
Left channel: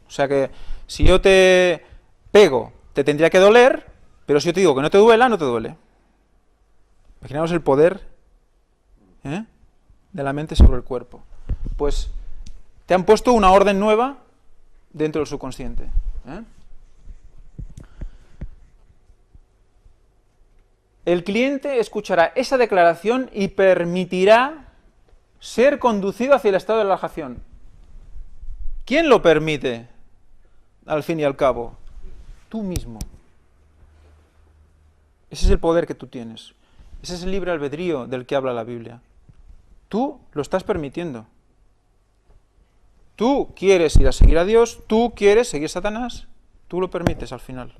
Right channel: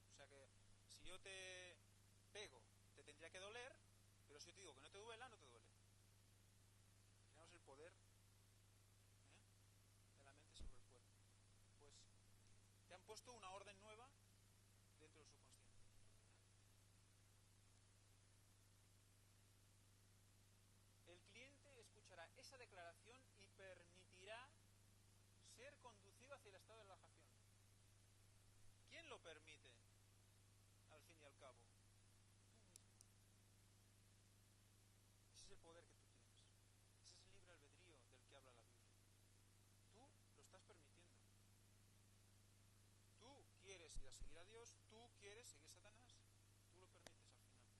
O sea que si yo te pego, te tendría que doler, pero si yo te digo que no te duela, no te duele. Imaginaos el poder de la mente sobre el cuerpo. Pues te han puesto una orden nueva dentro del subconsciente. El cliente escuchará esa declaración y permitirá ser conducido hacia el estado de relajación. ¿Quién lo permite, al fin y al cabo? Tú mismo. Ese es el poder que tú tienes. Ese es el libre albedrío del que habla la Biblia. Tú lo estás permitiendo. Tú quieres ir a seguir a Dios, tú quieres seguir a Satanás, tú lo permites al final.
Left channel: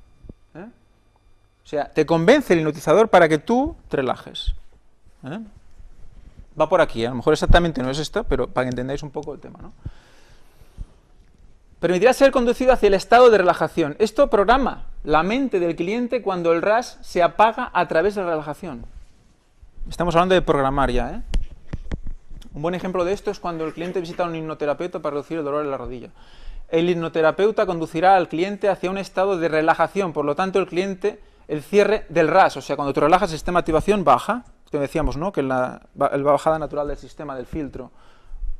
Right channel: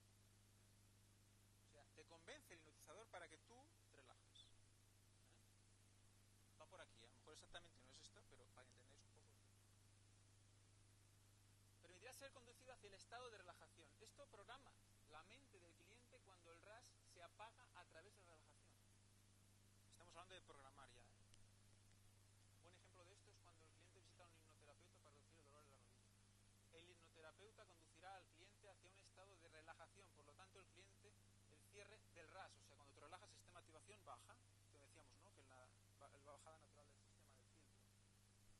O sea, te convence el hipnotizador para que tú te relajes. Va por aquí, a lo mejor exactamente no es esto, pero para que entendáis un poco el tema, ¿no? Permitirá ser conducido hacia el estado de relajación. Esto programa la mente del cliente cuando el RAS se apaga a través de la relajación. Estamos hablando de programar ya, Un buen ejemplo de esto es cuando el cliente visita a un hipnoterapeuta para reducir el dolor en la rodilla. El hipnoterapeuta conducirá al cliente hacia un estado de relajación, por lo tanto el cierre del RAS, o sea, cuando tú relajas el sistema de activación baja, que decíamos, ¿no? Que la bajada natural del sistema, del filtro.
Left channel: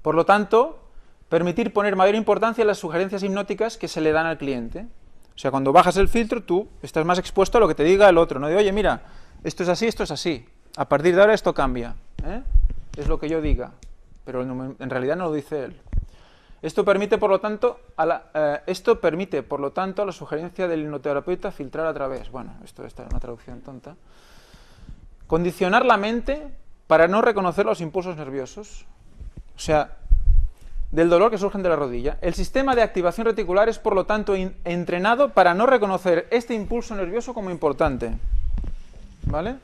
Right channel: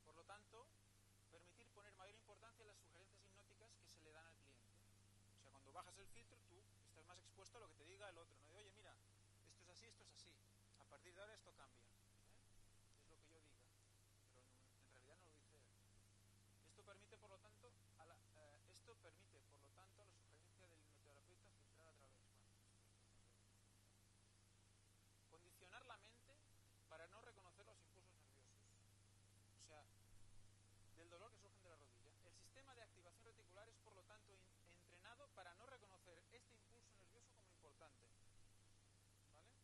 Por lo tanto, permitir poner mayor importancia a las sugerencias hipnóticas que se le dan al cliente. O sea, cuando bajas el filtro, tú estás más expuesto a lo que te diga el otro, no de, oye, mira, esto es así, a partir de ahora esto cambia, es lo que yo diga, pero en realidad no lo dice él. Esto permite, por lo tanto, a la sugerencia del hipnoterapeuta filtrar a través, bueno, esto está en una traducción tonta, condicionar la mente para no reconocer los impulsos nerviosos, o sea, del dolor que surgen de la rodilla. El sistema de activación reticular es, por lo tanto, entrenado para no reconocer este impulso nervioso como importante, ¿vale?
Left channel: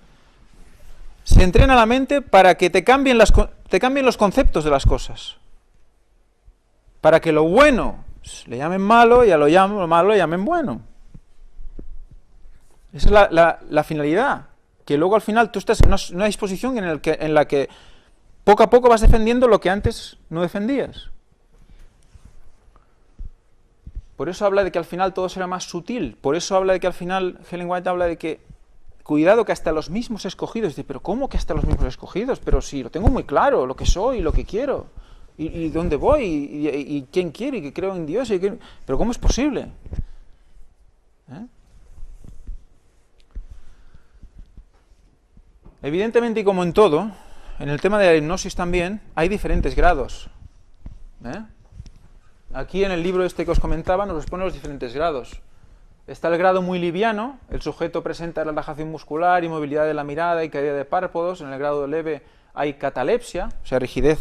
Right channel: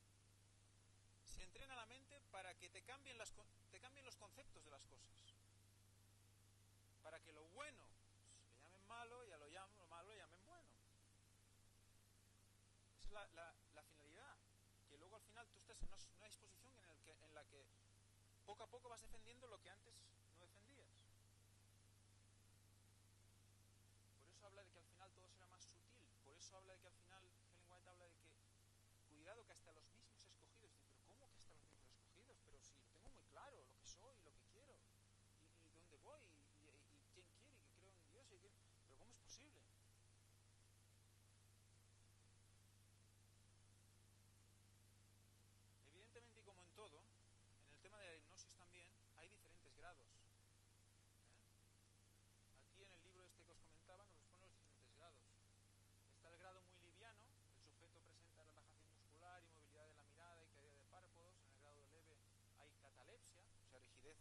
Se entrena la mente para que te cambien los conceptos de las cosas. Para que lo bueno le llamen malo y a lo malo le llamen bueno. Esa es la finalidad. Que luego al final tú estás en una disposición en la que poco a poco vas defendiendo lo que antes no defendías. Por eso habla de que al final todo será más sutil. Por eso habla de que al final Ellen White habla de que cuidado que hasta los mismos escogidos. Dice, pero ¿cómo que hasta los mismos escogidos? Pero si lo tengo muy claro, lo que soy, lo que quiero. ¿Y dónde voy? ¿Y quién quiere? ¿Y que creo en Dios? ¿Pero cómo es posible? Evidentemente, y como en todo, en el tema de la hipnosis también, hay diferentes grados. Aquí en el libro este que os comentaba nos expone los diferentes grados. Está el grado muy liviano, el sujeto presenta relajación muscular, inmovilidad de la mirada y caída de párpados. En el grado leve hay catalepsia, o sea, rigidez,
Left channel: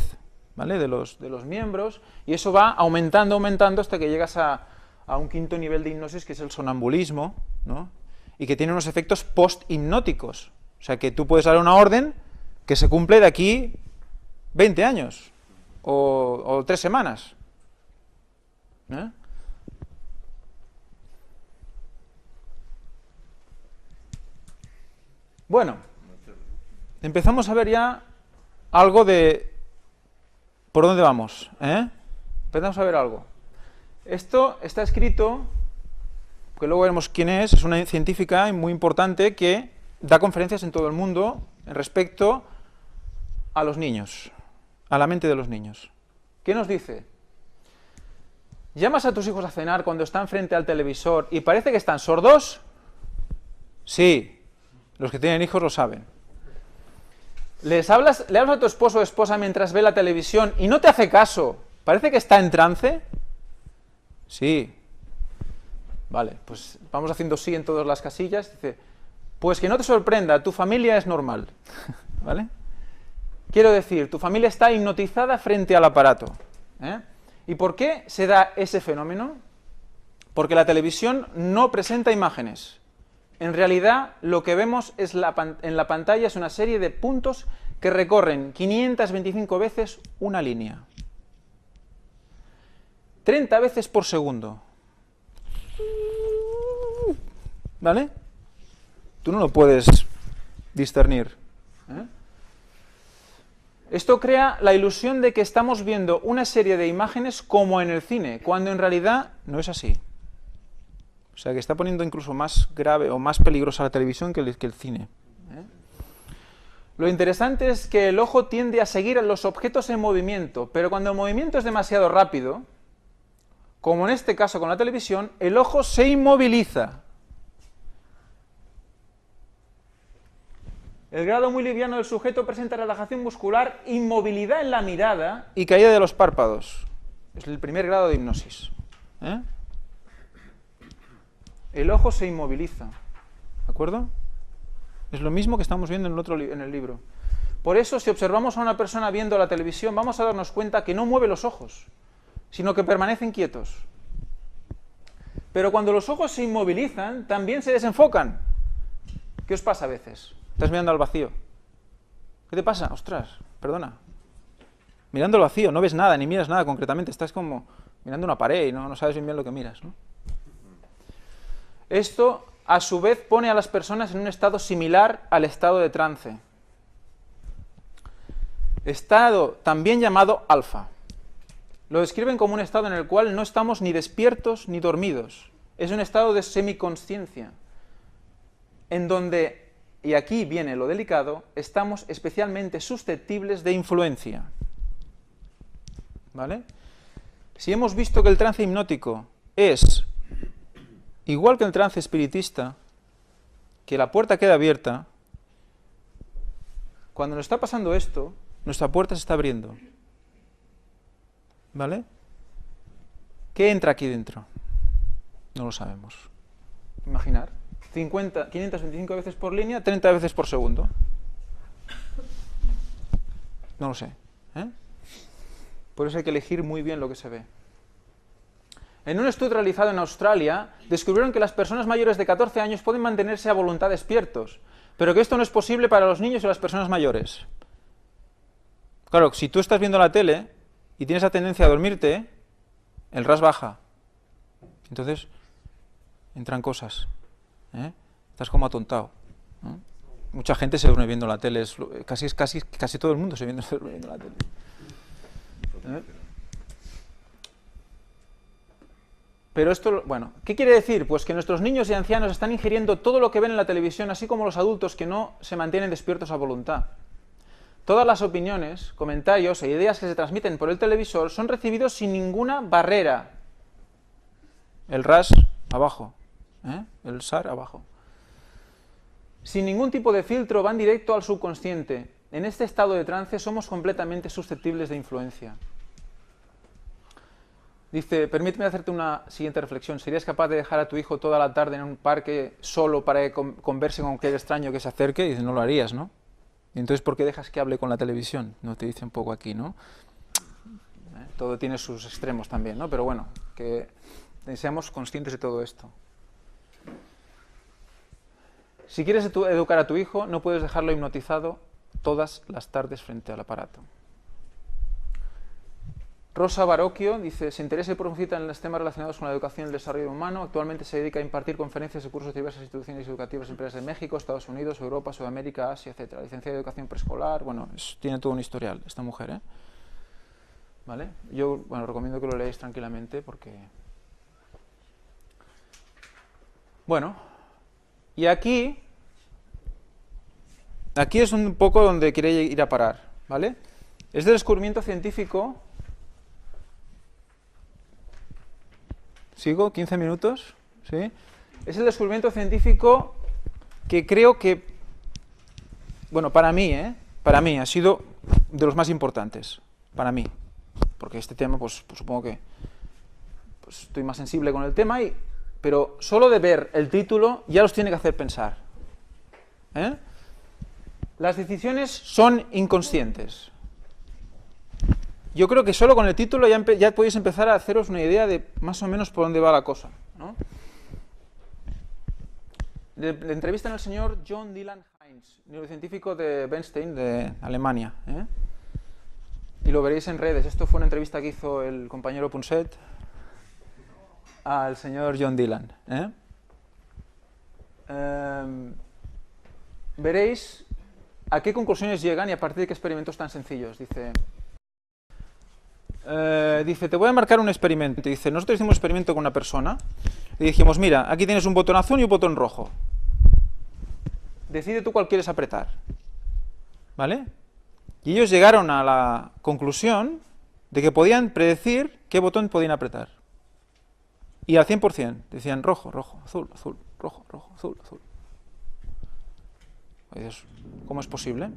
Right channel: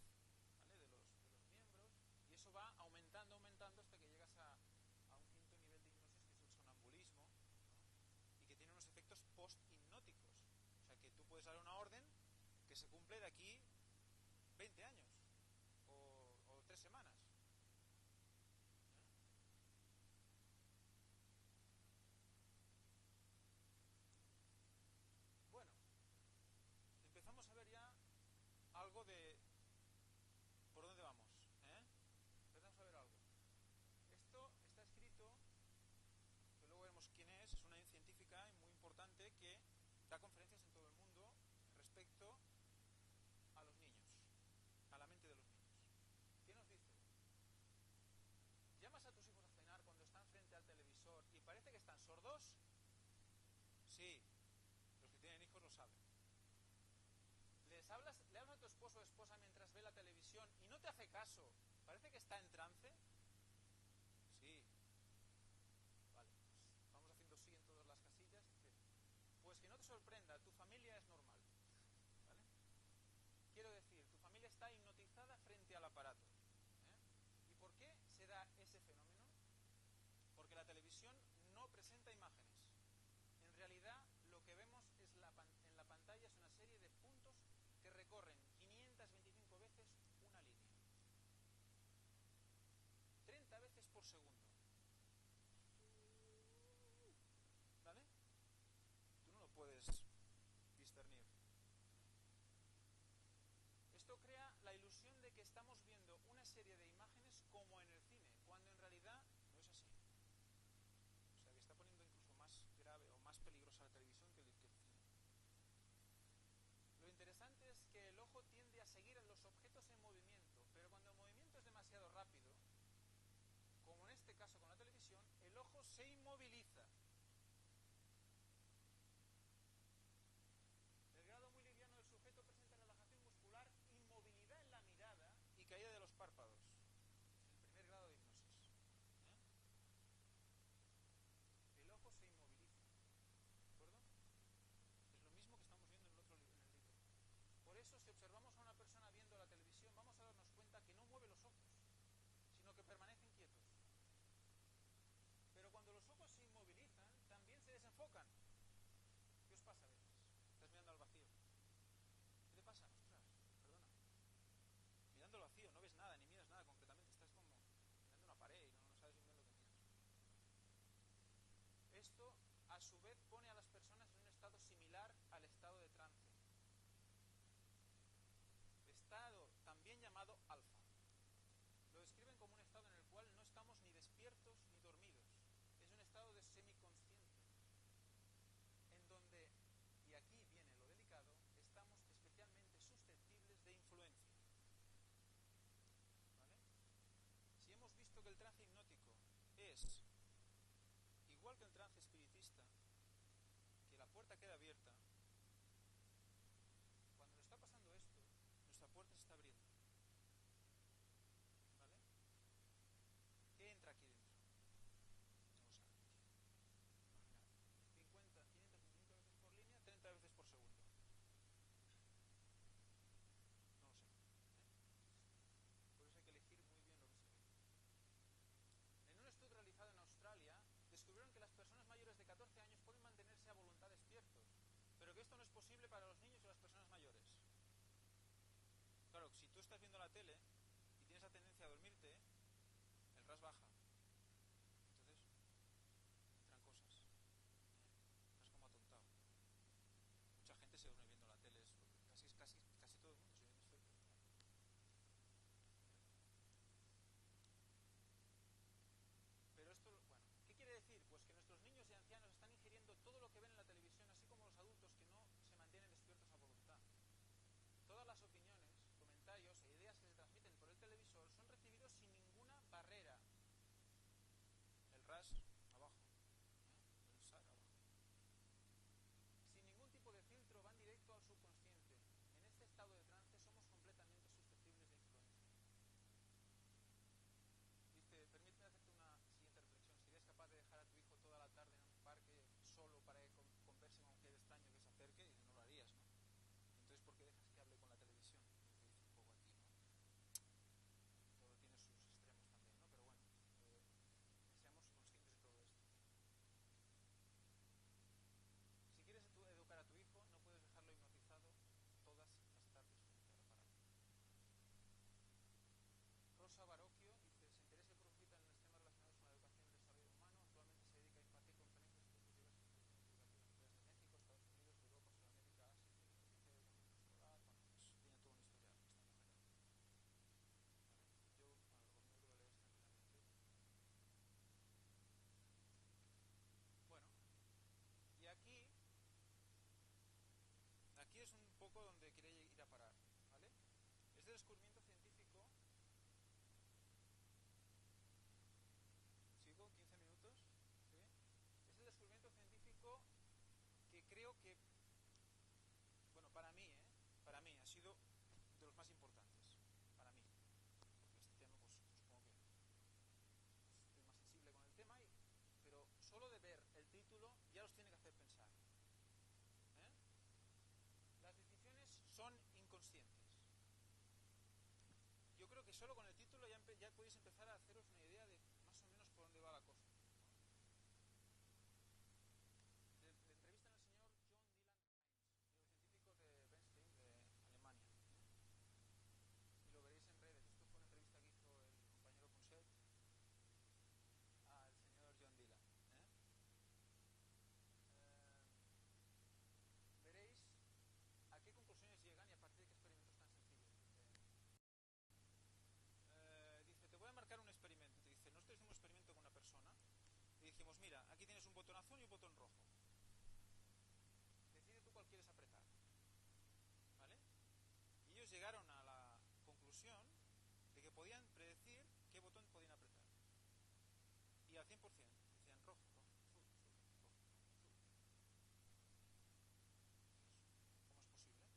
¿vale? de los miembros, y eso va aumentando hasta que llegas a un quinto nivel de hipnosis, que es el sonambulismo, ¿no? Y que tiene unos efectos post-hipnóticos. O sea, que tú puedes dar una orden que se cumple de aquí 20 años o 3 semanas. Bueno, empezamos a ver ya algo de por dónde vamos. Empezamos a ver algo. Esto está escrito, que luego veremos quién es una científica muy importante que da conferencias en todo el mundo respecto a los niños, a la mente de los niños. ¿Qué nos dice? ¿Llamas a tus hijos a cenar cuando están frente al televisor y parece que están sordos? Sí, los que tienen hijos lo saben. ¿Le hablas a tu esposo o esposa mientras ve la televisión y no te hace caso? ¿Parece que está en trance? Sí. Vale, pues vamos haciendo sí en todas las casillas. Dice, pues que no te sorprenda, tu familia es normal. ¿Vale? Quiero decir, tu familia está hipnotizada frente al aparato. ¿Y por qué se da ese fenómeno? Porque la televisión no presenta imágenes. En realidad, lo que vemos es en la pantalla es una serie de puntos que recorren 525 veces una línea. 30 veces por segundo. ¿Vale? Tú no lo puedes discernir. Esto crea la ilusión de que estamos viendo una serie de imágenes como en el cine, cuando en realidad no es así. O sea, que está poniendo incluso más grave o más peligrosa la televisión que el cine. Lo interesante es que el ojo tiende a seguir a los objetos en movimiento, pero cuando el movimiento es demasiado rápido, como en este caso con la televisión, el ojo se inmoviliza. El grado muy liviano del sujeto presenta relajación muscular, inmovilidad en la mirada y caída de los párpados. Es el primer grado de hipnosis. El ojo se inmoviliza. ¿De acuerdo? Es lo mismo que estamos viendo en el libro. Por eso, si observamos a una persona viendo la televisión, vamos a darnos cuenta que no mueve los ojos, sino que permanecen quietos. Pero cuando los ojos se inmovilizan, también se desenfocan. ¿Qué os pasa a veces? Estás mirando al vacío. ¿Qué te pasa? Ostras, perdona. Mirando al vacío, no ves nada, ni miras nada concretamente. Estás como mirando una pared y no sabes bien lo que miras, ¿no? Esto, a su vez, pone a las personas en un estado similar al estado de trance. Estado también llamado alfa. Lo describen como un estado en el cual no estamos ni despiertos ni dormidos. Es un estado de semiconsciencia, en donde, y aquí viene lo delicado, estamos especialmente susceptibles de influencia. ¿Vale? Si hemos visto que el trance hipnótico es igual que el trance espiritista, que la puerta queda abierta, cuando nos está pasando esto, nuestra puerta se está abriendo. ¿Vale? ¿Qué entra aquí dentro? No lo sabemos. Imaginar. 525 veces por línea, 30 veces por segundo. No lo sé. Por eso hay que elegir muy bien lo que se ve. En un estudio realizado en Australia, descubrieron que las personas mayores de 14 años pueden mantenerse a voluntad despiertos, pero que esto no es posible para los niños y las personas mayores. Claro, si tú estás viendo la tele y tienes la tendencia a dormirte, el RAS baja. Entonces, entran cosas. Estás como atontado. Mucha gente se duerme viendo la tele. Casi todo el mundo se duerme viendo la tele. Pero esto, bueno, ¿qué quiere decir? Pues que nuestros niños y ancianos están ingiriendo todo lo que ven en la televisión, así como los adultos que no se mantienen despiertos a voluntad. Todas las opiniones, comentarios e ideas que se transmiten por el televisor son recibidos sin ninguna barrera. El RAS abajo, el SAR abajo. Sin ningún tipo de filtro, van directo al subconsciente. En este estado de trance somos completamente susceptibles de influencia. Dice, permíteme hacerte una siguiente reflexión. ¿Serías capaz de dejar a tu hijo toda la tarde en un parque solo para que converse con cualquier extraño que se acerque? Y dice, no lo harías, ¿no? Y entonces, ¿por qué dejas que hable con la televisión? No te dice un poco aquí, ¿no? Todo tiene sus extremos también, ¿no? Pero bueno, que seamos conscientes de todo esto. Si quieres educar a tu hijo, no puedes dejarlo hipnotizado todas las tardes frente al aparato. Rosa Barocchio dice, se interesa y profundiza en los temas relacionados con la educación y el desarrollo humano. Actualmente se dedica a impartir conferencias y cursos de diversas instituciones educativas y empresas de México, Estados Unidos, Europa, Sudamérica, Asia, etc. Licenciada en educación preescolar. Bueno, tiene todo un historial esta mujer, ¿Vale? Yo, bueno, recomiendo que lo leáis tranquilamente porque Bueno, y aquí es un poco donde quiere ir a parar, ¿vale? Es del descubrimiento científico. ¿Sigo? ¿15 minutos? ¿Sí? Es el descubrimiento científico que creo que, bueno, para mí ha sido de los más importantes, para mí, porque este tema, pues supongo que pues, estoy más sensible con el tema, pero solo de ver el título ya los tiene que hacer pensar. Las decisiones son inconscientes. Yo creo que solo con el título ya podéis empezar a haceros una idea de más o menos por dónde va la cosa, ¿no? Le entrevistan al señor John Dylan Heinz, neurocientífico de Bernstein, de Alemania, y lo veréis en redes. Esto fue una entrevista que hizo el compañero Punset al señor John Dylan. Veréis a qué conclusiones llegan y a partir de qué experimentos tan sencillos. Dice, te voy a marcar un experimento. Dice, nosotros hicimos un experimento con una persona y dijimos, mira, aquí tienes un botón azul y un botón rojo. Decide tú cuál quieres apretar. ¿Vale? Y ellos llegaron a la conclusión de que podían predecir qué botón podían apretar. Y al 100%. Decían rojo, rojo, azul, azul, rojo, rojo, azul, azul. ¿Cómo es posible?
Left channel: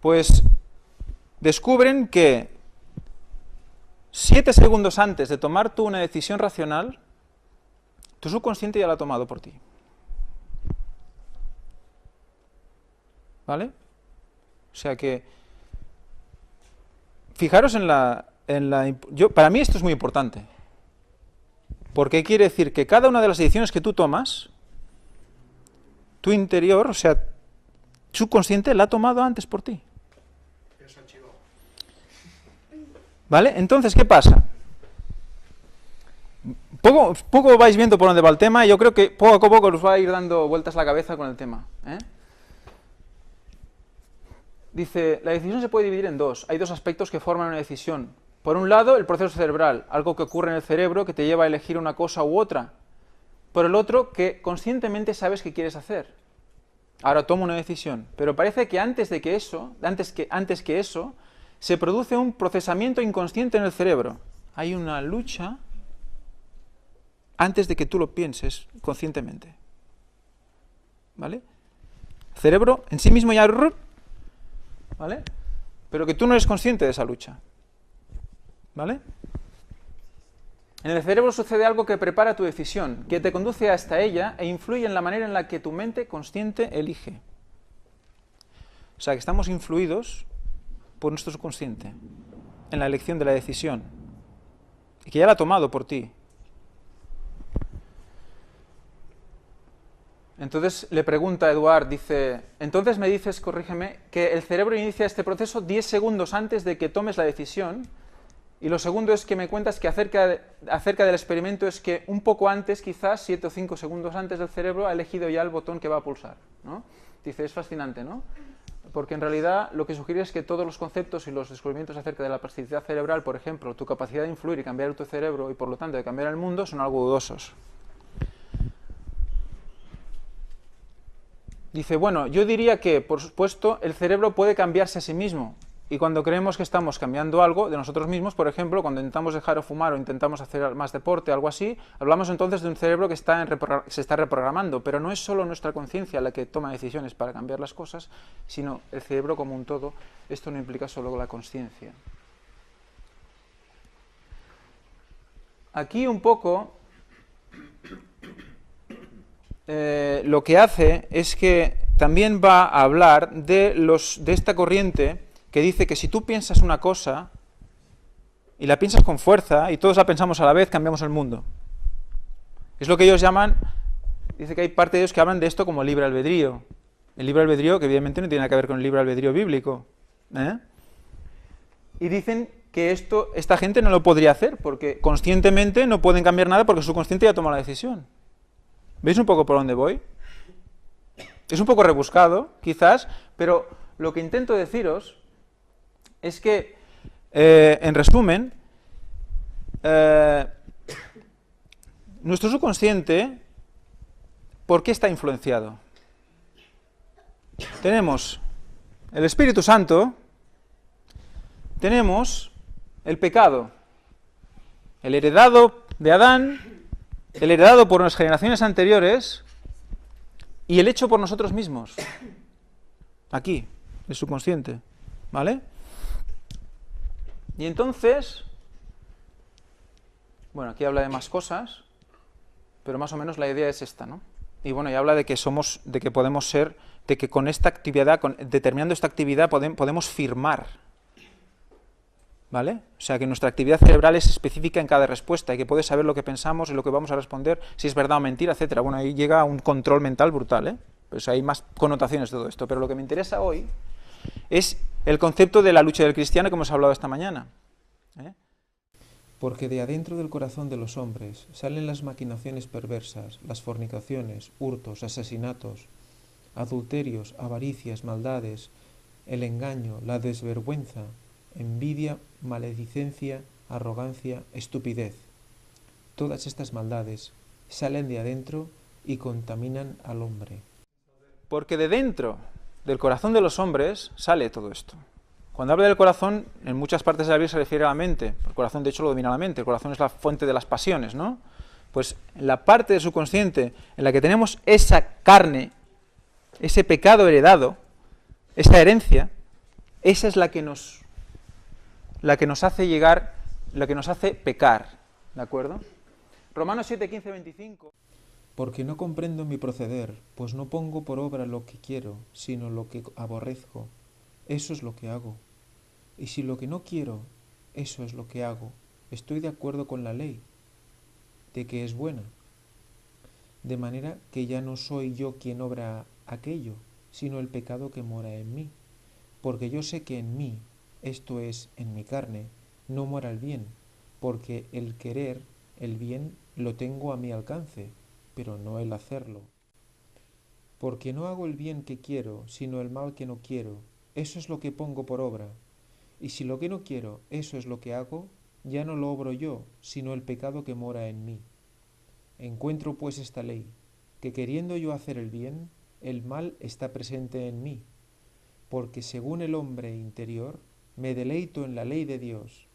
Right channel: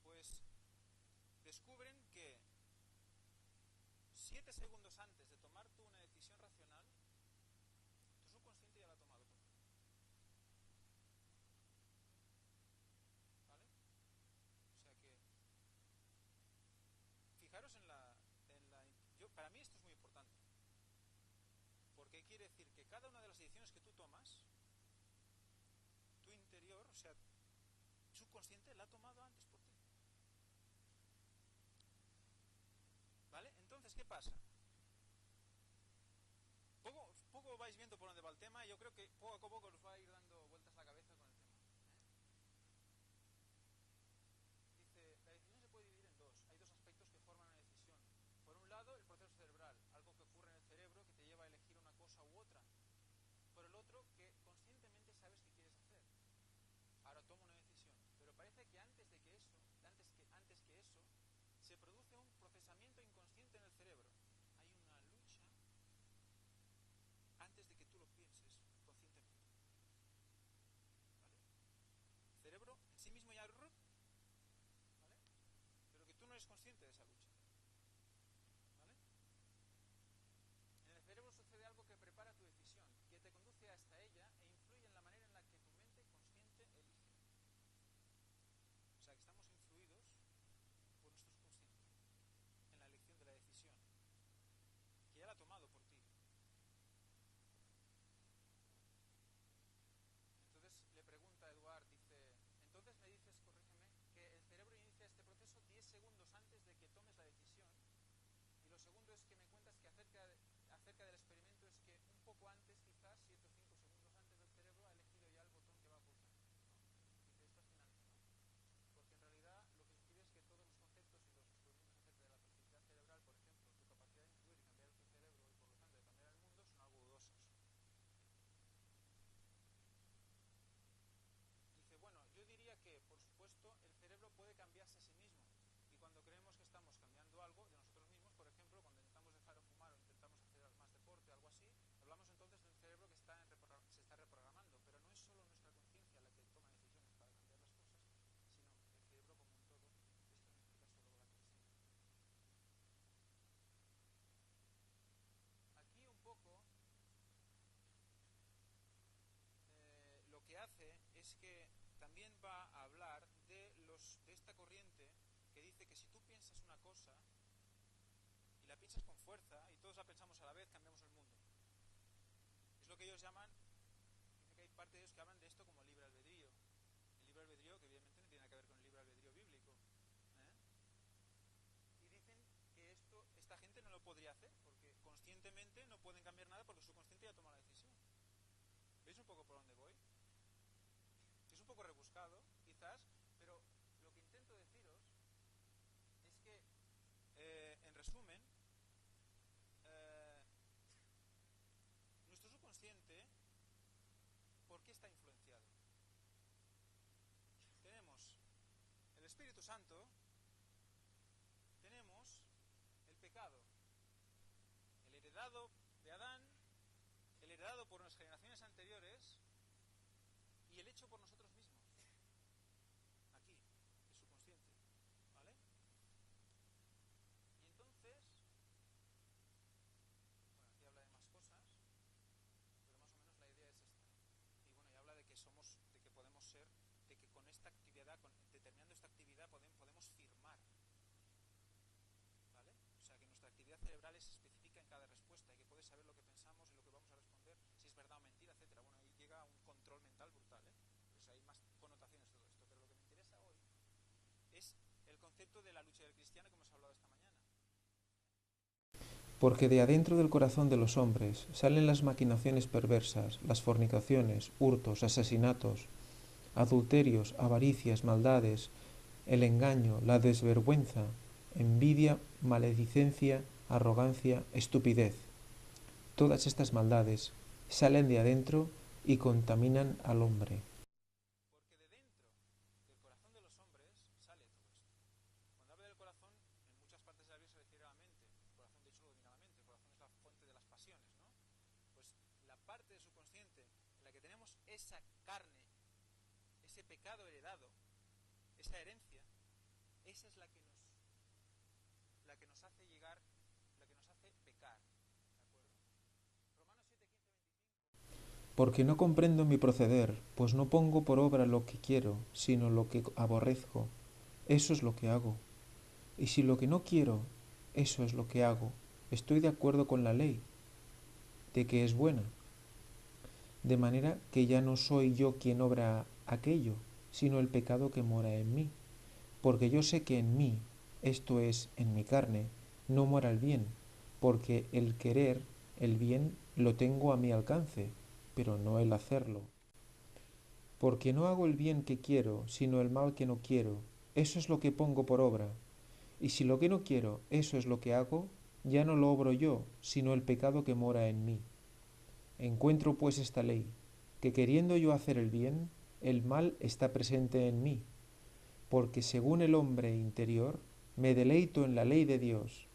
Pues descubren que 7 segundos antes de tomar tú una decisión racional, tu subconsciente ya la ha tomado por ti. ¿Vale? O sea que, fijaros para mí esto es muy importante, porque quiere decir que cada una de las decisiones que tú tomas, tu interior, o sea, subconsciente la ha tomado antes por ti. ¿Vale? Entonces, ¿qué pasa? Poco vais viendo por dónde va el tema y yo creo que poco a poco os va a ir dando vueltas la cabeza con el tema. Dice, la decisión se puede dividir en dos. Hay dos aspectos que forman una decisión. Por un lado, el proceso cerebral, algo que ocurre en el cerebro que te lleva a elegir una cosa u otra. Por el otro, que conscientemente sabes qué quieres hacer. Ahora tomo una decisión. Pero parece que antes que eso, se produce un procesamiento inconsciente en el cerebro. Hay una lucha antes de que tú lo pienses conscientemente. ¿Vale? El cerebro en sí mismo ya... ¿Vale? Pero que tú no eres consciente de esa lucha. ¿Vale? En el cerebro sucede algo que prepara tu decisión, que te conduce hasta ella e influye en la manera en la que tu mente consciente elige. O sea, que estamos influidos por nuestro subconsciente en la elección de la decisión y que ya la ha tomado por ti. Entonces le pregunta a Eduard, dice, entonces me dices, corrígeme, que el cerebro inicia este proceso 10 segundos antes de que tomes la decisión, y lo segundo es que me cuentas que acerca del experimento es que un poco antes, quizás 7 o 5 segundos antes, del cerebro ha elegido ya el botón que va a pulsar, ¿no? Dice, es fascinante, ¿no? Porque en realidad lo que sugiere es que todos los conceptos y los descubrimientos acerca de la plasticidad cerebral, por ejemplo, tu capacidad de influir y cambiar tu cerebro y por lo tanto de cambiar el mundo, son algo dudosos. Dice, bueno, yo diría que, por supuesto, el cerebro puede cambiarse a sí mismo. Y cuando creemos que estamos cambiando algo de nosotros mismos, por ejemplo, cuando intentamos dejar de fumar o intentamos hacer más deporte, algo así, hablamos entonces de un cerebro que se está reprogramando. Pero no es solo nuestra conciencia la que toma decisiones para cambiar las cosas, sino el cerebro como un todo. Esto no implica solo la consciencia. Aquí un poco... lo que hace es que también va a hablar de esta corriente que dice que si tú piensas una cosa y la piensas con fuerza y todos la pensamos a la vez, cambiamos el mundo. Es lo que ellos llaman, dice que hay parte de ellos que hablan de esto como libre albedrío. El libre albedrío que evidentemente no tiene nada que ver con el libre albedrío bíblico. Y dicen que esta gente no lo podría hacer porque conscientemente no pueden cambiar nada porque su consciente ya toma la decisión. ¿Veis un poco por dónde voy? Es un poco rebuscado, quizás, pero lo que intento deciros es que, en resumen, nuestro subconsciente ¿por qué está influenciado? Tenemos el Espíritu Santo, tenemos el pecado, el heredado de Adán, el heredado por las generaciones anteriores y el hecho por nosotros mismos, aquí, el subconsciente, ¿vale? Y entonces, bueno, aquí habla de más cosas, pero más o menos la idea es esta, ¿no? Y bueno, y habla de que somos, de que podemos ser, de que con esta actividad, determinando esta actividad, podemos firmar, ¿vale? O sea, que nuestra actividad cerebral es específica en cada respuesta y que puede saber lo que pensamos y lo que vamos a responder, si es verdad o mentira, etcétera. Bueno, ahí llega un control mental brutal, ¿eh? Pues hay más connotaciones de todo esto, pero lo que me interesa hoy es el concepto de la lucha del cristiano que hemos hablado esta mañana, ¿eh? Porque de adentro del corazón de los hombres salen las maquinaciones perversas, las fornicaciones, hurtos, asesinatos, adulterios, avaricias, maldades, el engaño, la desvergüenza, envidia, maledicencia, arrogancia, estupidez. Todas estas maldades salen de adentro y contaminan al hombre. Porque de dentro del corazón de los hombres sale todo esto. Cuando habla del corazón, en muchas partes de la Biblia se refiere a la mente. El corazón, de hecho, lo domina la mente. El corazón es la fuente de las pasiones, ¿no? Pues en la parte del subconsciente en la que tenemos esa carne, ese pecado heredado, esa herencia, esa es la que nos hace llegar, la que nos hace pecar, ¿de acuerdo? Romanos 7, 15, 25. Porque no comprendo mi proceder, pues no pongo por obra lo que quiero, sino lo que aborrezco. Eso es lo que hago. Y si lo que no quiero, eso es lo que hago, estoy de acuerdo con la ley, de que es buena. De manera que ya no soy yo quien obra aquello, sino el pecado que mora en mí. Porque yo sé que en mí, esto es, en mi carne, no mora el bien, porque el querer, el bien, lo tengo a mi alcance, pero no el hacerlo. Porque no hago el bien que quiero, sino el mal que no quiero, eso es lo que pongo por obra. Y si lo que no quiero, eso es lo que hago, ya no lo obro yo, sino el pecado que mora en mí. Encuentro pues esta ley, que queriendo yo hacer el bien, el mal está presente en mí, porque según el hombre interior, me deleito en la ley de Dios,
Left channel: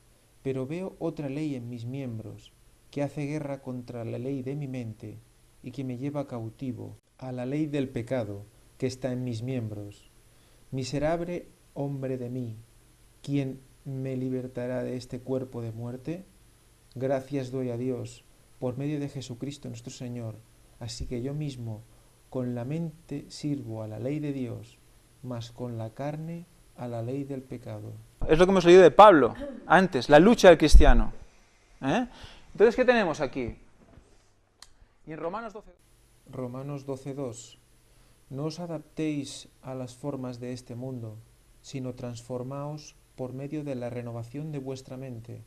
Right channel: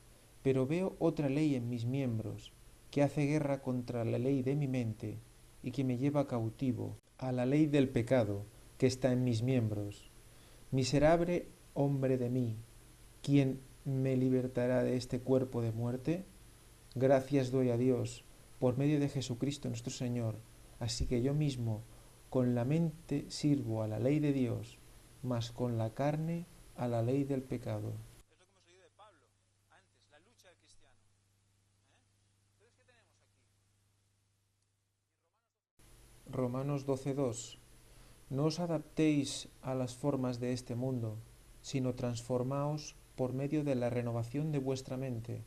pero veo otra ley en mis miembros, que hace guerra contra la ley de mi mente, y que me lleva cautivo a la ley del pecado que está en mis miembros. Miserable hombre de mí, ¿quién me libertará de este cuerpo de muerte? Gracias doy a Dios por medio de Jesucristo nuestro Señor. Así que yo mismo con la mente sirvo a la ley de Dios, mas con la carne a la ley del pecado. Es lo que hemos leído de Pablo antes, la lucha del cristiano, ¿eh? Entonces, ¿qué tenemos aquí? Y en Romanos 12... Romanos 12:2. No os adaptéis a las formas de este mundo, sino transformaos por medio de la renovación de vuestra mente,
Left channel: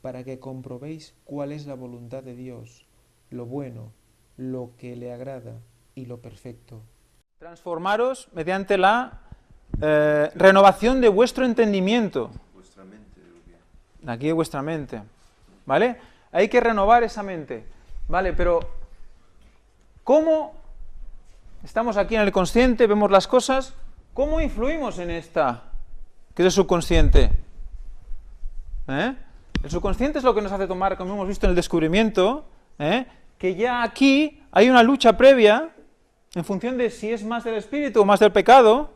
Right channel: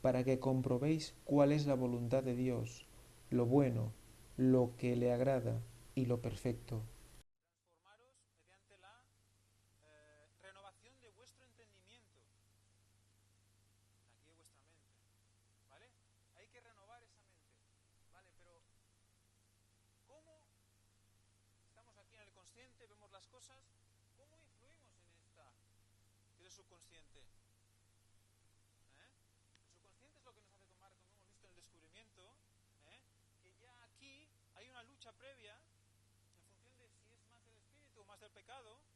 para que comprobéis cuál es la voluntad de Dios, lo bueno, lo que le agrada y lo perfecto. Transformaros mediante la renovación de vuestro entendimiento. Vuestra mente, Aquí de vuestra mente, ¿vale? Hay que renovar esa mente, ¿vale? Pero, ¿cómo estamos aquí en el consciente, vemos las cosas, cómo influimos en esta, que es el subconsciente? El subconsciente es lo que nos hace tomar, como hemos visto en el descubrimiento, que ya aquí hay una lucha previa, en función de si es más del espíritu o más del pecado,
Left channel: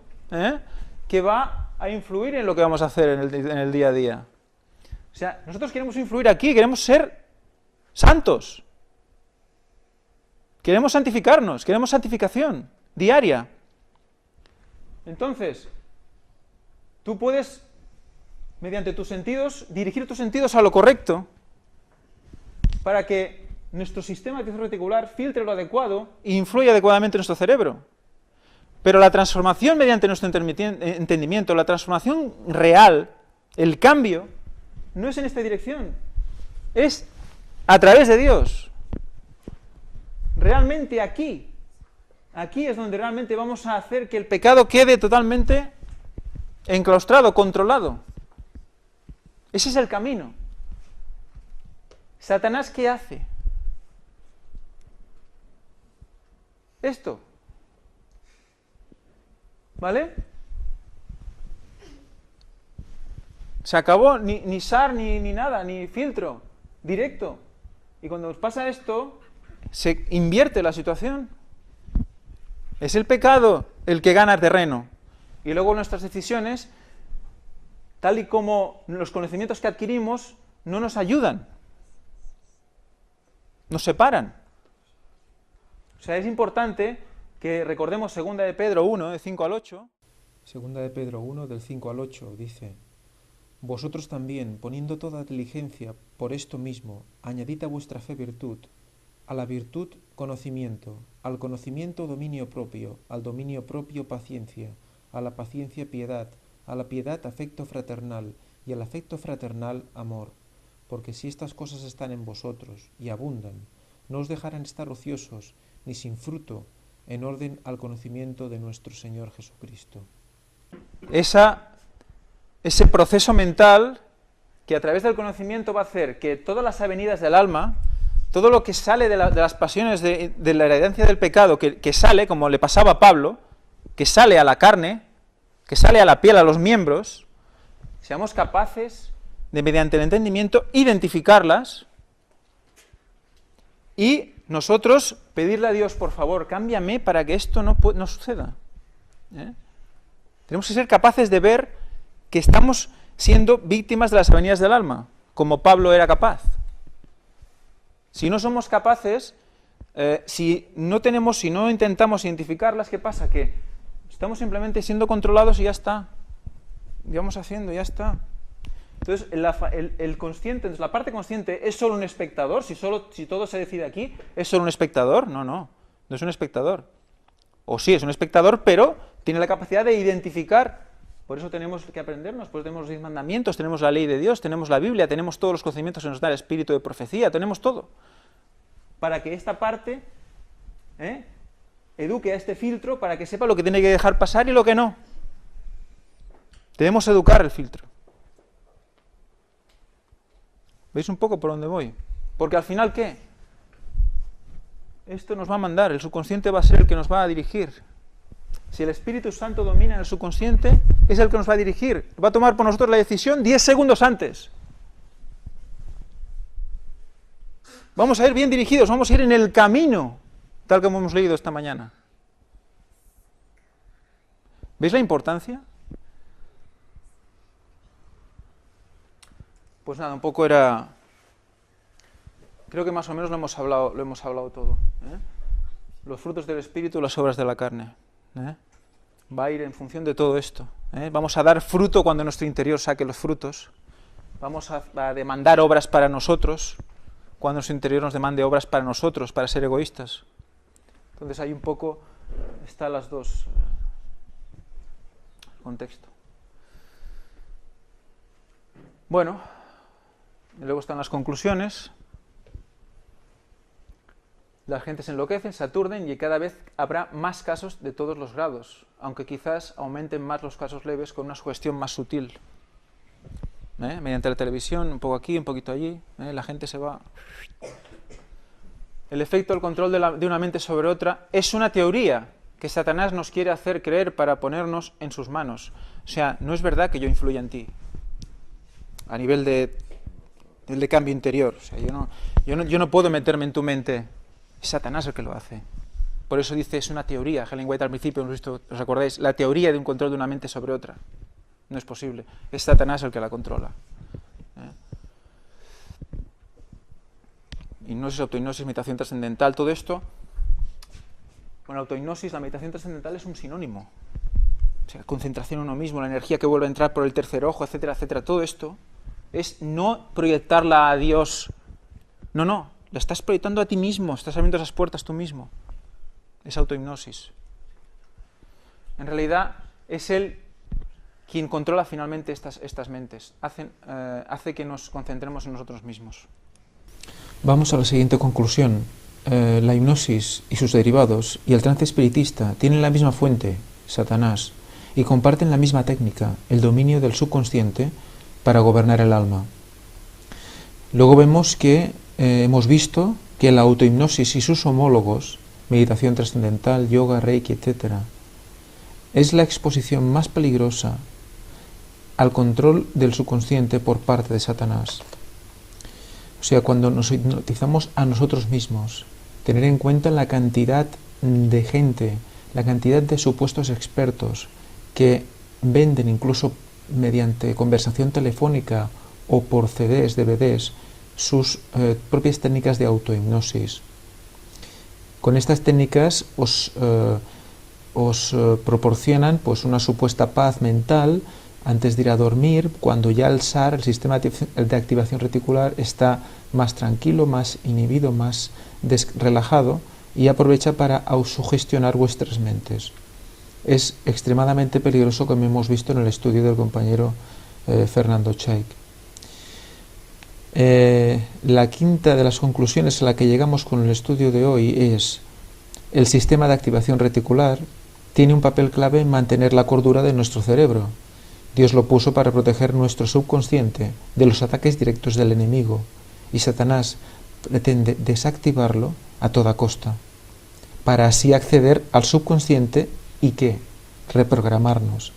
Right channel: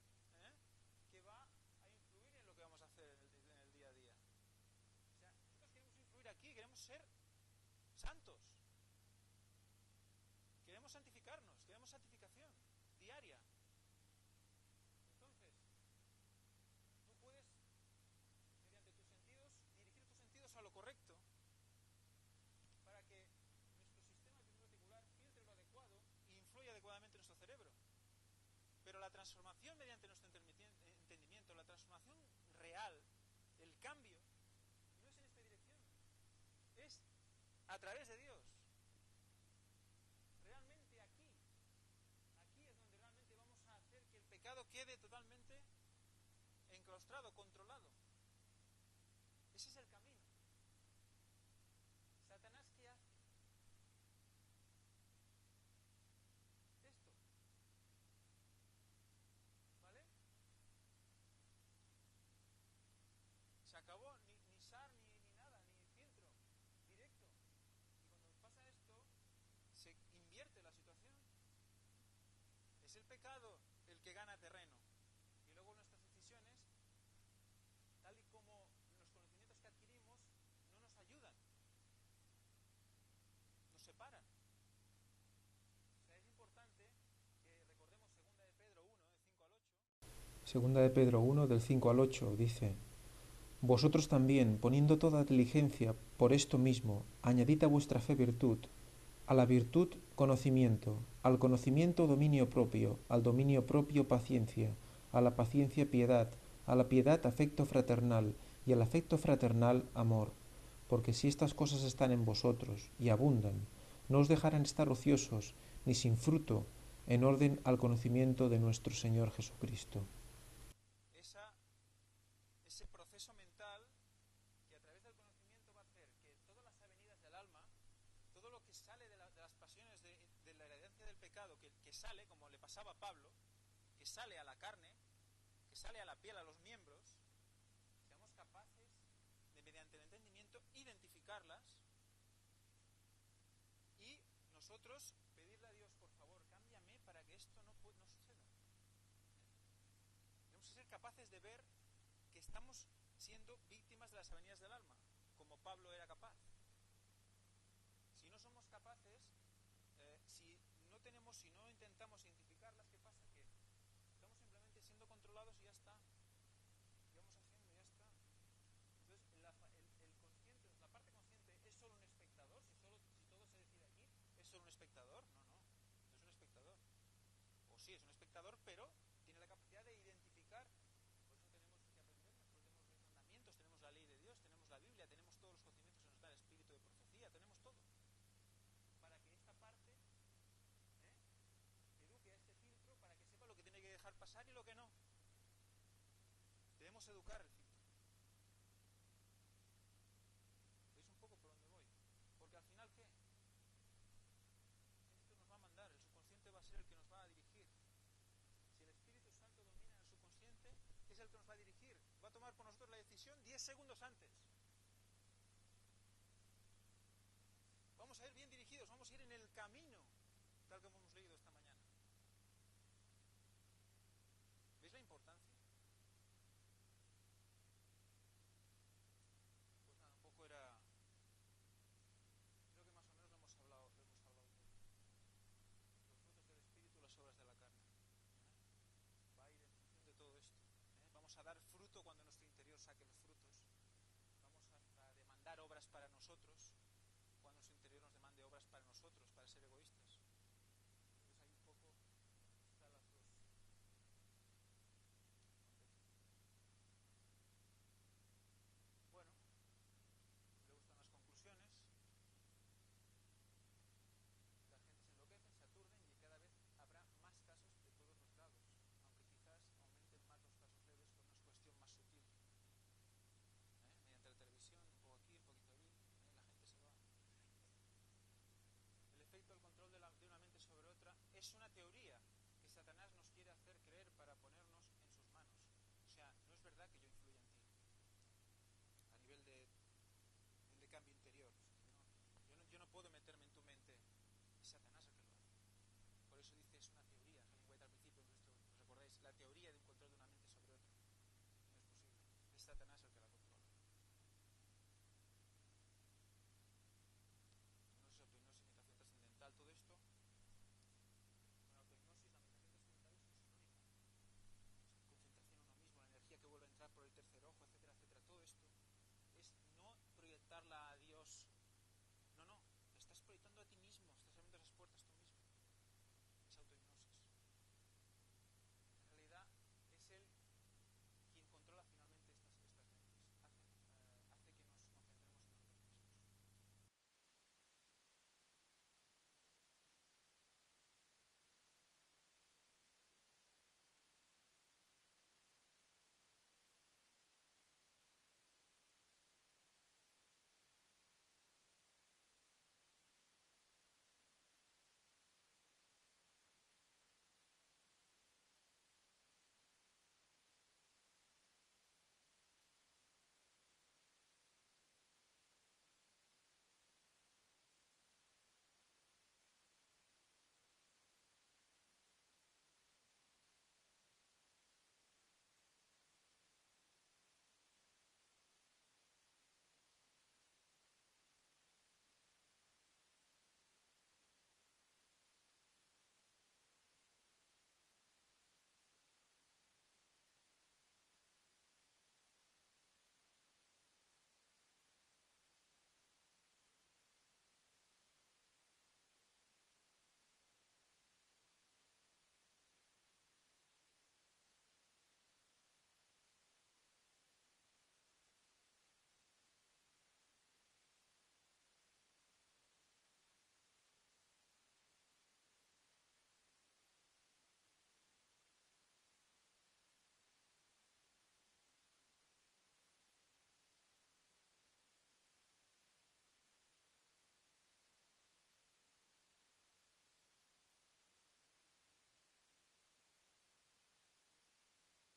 que va a influir en lo que vamos a hacer en el día a día. O sea, nosotros queremos influir aquí, queremos ser santos. Queremos santificarnos, queremos santificación diaria. Entonces, tú puedes, mediante tus sentidos, dirigir tus sentidos a lo correcto para que nuestro sistema reticular filtre lo adecuado e influya adecuadamente en nuestro cerebro. Pero la transformación mediante nuestro entendimiento, la transformación real, el cambio, no es en esta dirección, es a través de Dios. Realmente aquí es donde realmente vamos a hacer que el pecado quede totalmente enclaustrado, controlado. Ese es el camino. ¿Satanás qué hace? Esto. ¿Vale? Se acabó, ni SAR, ni nada, ni filtro, directo. Y cuando os pasa esto, se invierte la situación. Es el pecado el que gana terreno. Y luego nuestras decisiones, tal y como los conocimientos que adquirimos, no nos ayudan. Nos separan. O sea, es importante que recordemos 2 de Pedro 1, de 5 al 8. 2 de Pedro 1, del 5 al 8, dice: Vosotros también, poniendo toda diligencia por esto mismo, añadid a vuestra fe virtud, a la virtud conocimiento, al conocimiento dominio propio, al dominio propio paciencia, a la paciencia piedad, a la piedad afecto fraternal, y al afecto fraternal amor. Porque si estas cosas están en vosotros y abundan, no os dejarán estar ociosos, ni sin fruto, en orden al conocimiento de nuestro Señor Jesucristo. Ese proceso mental que a través del conocimiento va a hacer que todas las avenidas del alma, todo lo que sale de las pasiones de la heredancia del pecado, que sale, como le pasaba a Pablo, que sale a la carne, que sale a la piel, a los miembros, seamos capaces de, mediante el entendimiento, identificarlas y nosotros pedirle a Dios, por favor, cámbiame para que esto no suceda. Tenemos que ser capaces de ver que estamos siendo víctimas de las avenidas del alma, como Pablo era capaz. Si no somos capaces, si no intentamos identificarlas, ¿qué pasa? Que estamos simplemente siendo controlados y ya está. Y vamos haciendo, ya está. Entonces, el consciente, la parte consciente, ¿es solo un espectador? Si todo se decide aquí, ¿es solo un espectador? No es un espectador. O sí, es un espectador, pero tiene la capacidad de identificar. Por eso tenemos que aprendernos, pues tenemos los 10 mandamientos, tenemos la ley de Dios, tenemos la Biblia, tenemos todos los conocimientos que nos da el espíritu de profecía, tenemos todo. Para que esta parte eduque a este filtro, para que sepa lo que tiene que dejar pasar y lo que no. Debemos educar el filtro. ¿Veis un poco por dónde voy? Porque al final, ¿qué? Esto nos va a mandar, el subconsciente va a ser el que nos va a dirigir. Si el Espíritu Santo domina en el subconsciente, es el que nos va a dirigir. Va a tomar por nosotros la decisión 10 segundos antes. Vamos a ir bien dirigidos, vamos a ir en el camino, tal como hemos leído esta mañana. ¿Veis la importancia? Pues nada, un poco era... Creo que más o menos lo hemos hablado todo. Los frutos del Espíritu, las obras de la carne. Va a ir en función de todo esto. Vamos a dar fruto cuando nuestro interior saque los frutos. Vamos a demandar obras para nosotros cuando nuestro interior nos demande obras para nosotros, para ser egoístas. Entonces hay un poco, están las dos contexto. Bueno, y luego están las conclusiones. La gente se enloquece, se aturden y cada vez habrá más casos de todos los grados, aunque quizás aumenten más los casos leves con una sugestión más sutil. Mediante la televisión, un poco aquí, un poquito allí, la gente se va... El efecto del control de una mente sobre otra es una teoría que Satanás nos quiere hacer creer para ponernos en sus manos. O sea, no es verdad que yo influya en ti, a nivel de cambio interior. O sea, yo no puedo meterme en tu mente. Es Satanás el que lo hace. Por eso dice, es una teoría. Helen White al principio, ¿os acordáis? La teoría de un control de una mente sobre otra. No es posible. Es Satanás el que la controla. Hipnosis, autohipnosis, meditación trascendental, todo esto. Con la autohipnosis, la meditación trascendental es un sinónimo. O sea, concentración en uno mismo, la energía que vuelve a entrar por el tercer ojo, etcétera, etcétera. Todo esto es no proyectarla a Dios. No. La estás proyectando a ti mismo, estás abriendo esas puertas tú mismo. Es autohipnosis. En realidad, es Él quien controla finalmente estas mentes. Hace que nos concentremos en nosotros mismos. Vamos a la siguiente conclusión. La hipnosis y sus derivados y el trance espiritista tienen la misma fuente, Satanás, y comparten la misma técnica, el dominio del subconsciente para gobernar el alma. Luego vemos que hemos visto que la autohipnosis y sus homólogos meditación trascendental, yoga, reiki, etc. Es la exposición más peligrosa al control del subconsciente por parte de Satanás. O sea, cuando nos hipnotizamos a nosotros mismos, tener en cuenta la cantidad de gente, la cantidad de supuestos expertos que venden incluso mediante conversación telefónica o por CDs, DVDs, sus propias técnicas de autohipnosis. Con estas técnicas os proporcionan pues una supuesta paz mental antes de ir a dormir, cuando ya el SAR, el sistema de activación reticular, está más tranquilo, más inhibido, más relajado, y aprovecha para autosugestionar vuestras mentes. Es extremadamente peligroso, como hemos visto en el estudio del compañero Fernando Chaik. La quinta de las conclusiones a la que llegamos con el estudio de hoy es: el sistema de activación reticular tiene un papel clave en mantener la cordura de nuestro cerebro. Dios lo puso para proteger nuestro subconsciente de los ataques directos del enemigo, y Satanás pretende desactivarlo a toda costa, para así acceder al subconsciente y ¿qué? Reprogramarnos.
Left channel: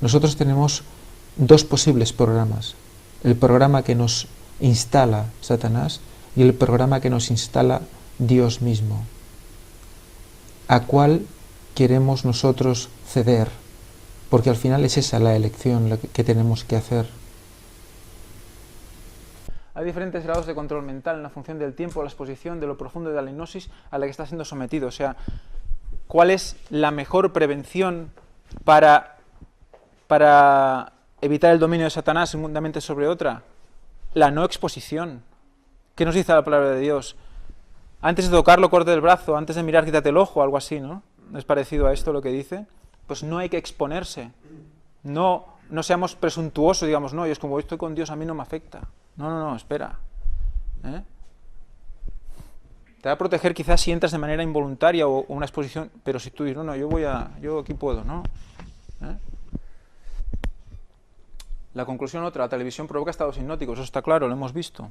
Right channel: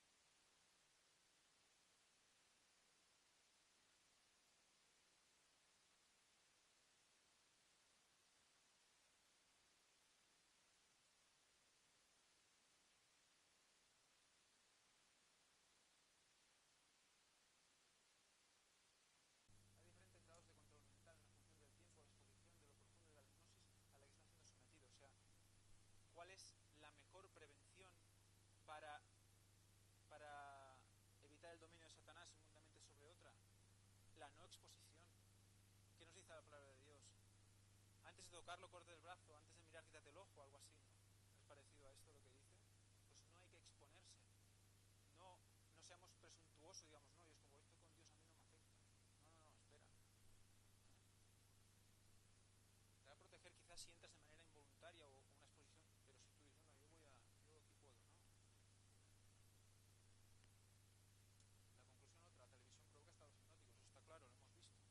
Nosotros tenemos dos posibles programas: el programa que nos instala Satanás y el programa que nos instala Dios mismo. ¿A cuál queremos nosotros ceder? Porque al final es esa la elección que tenemos que hacer. Hay diferentes grados de control mental en la función del tiempo, la exposición, de lo profundo de la hipnosis a la que está siendo sometido. O sea, ¿cuál es la mejor prevención para evitar el dominio de Satanás en una mente sobre otra? La no exposición. ¿Qué nos dice la palabra de Dios? Antes de tocarlo, corte el brazo, antes de mirar, quítate el ojo, algo así, ¿no? ¿Es parecido a esto lo que dice? Pues no hay que exponerse. No seamos presuntuosos, digamos, no, y es como estoy con Dios, a mí no me afecta. No, espera. Te va a proteger quizás si entras de manera involuntaria o una exposición, pero si tú dices, no, yo aquí puedo, ¿no? La conclusión otra: la televisión provoca estados hipnóticos, eso está claro, lo hemos visto.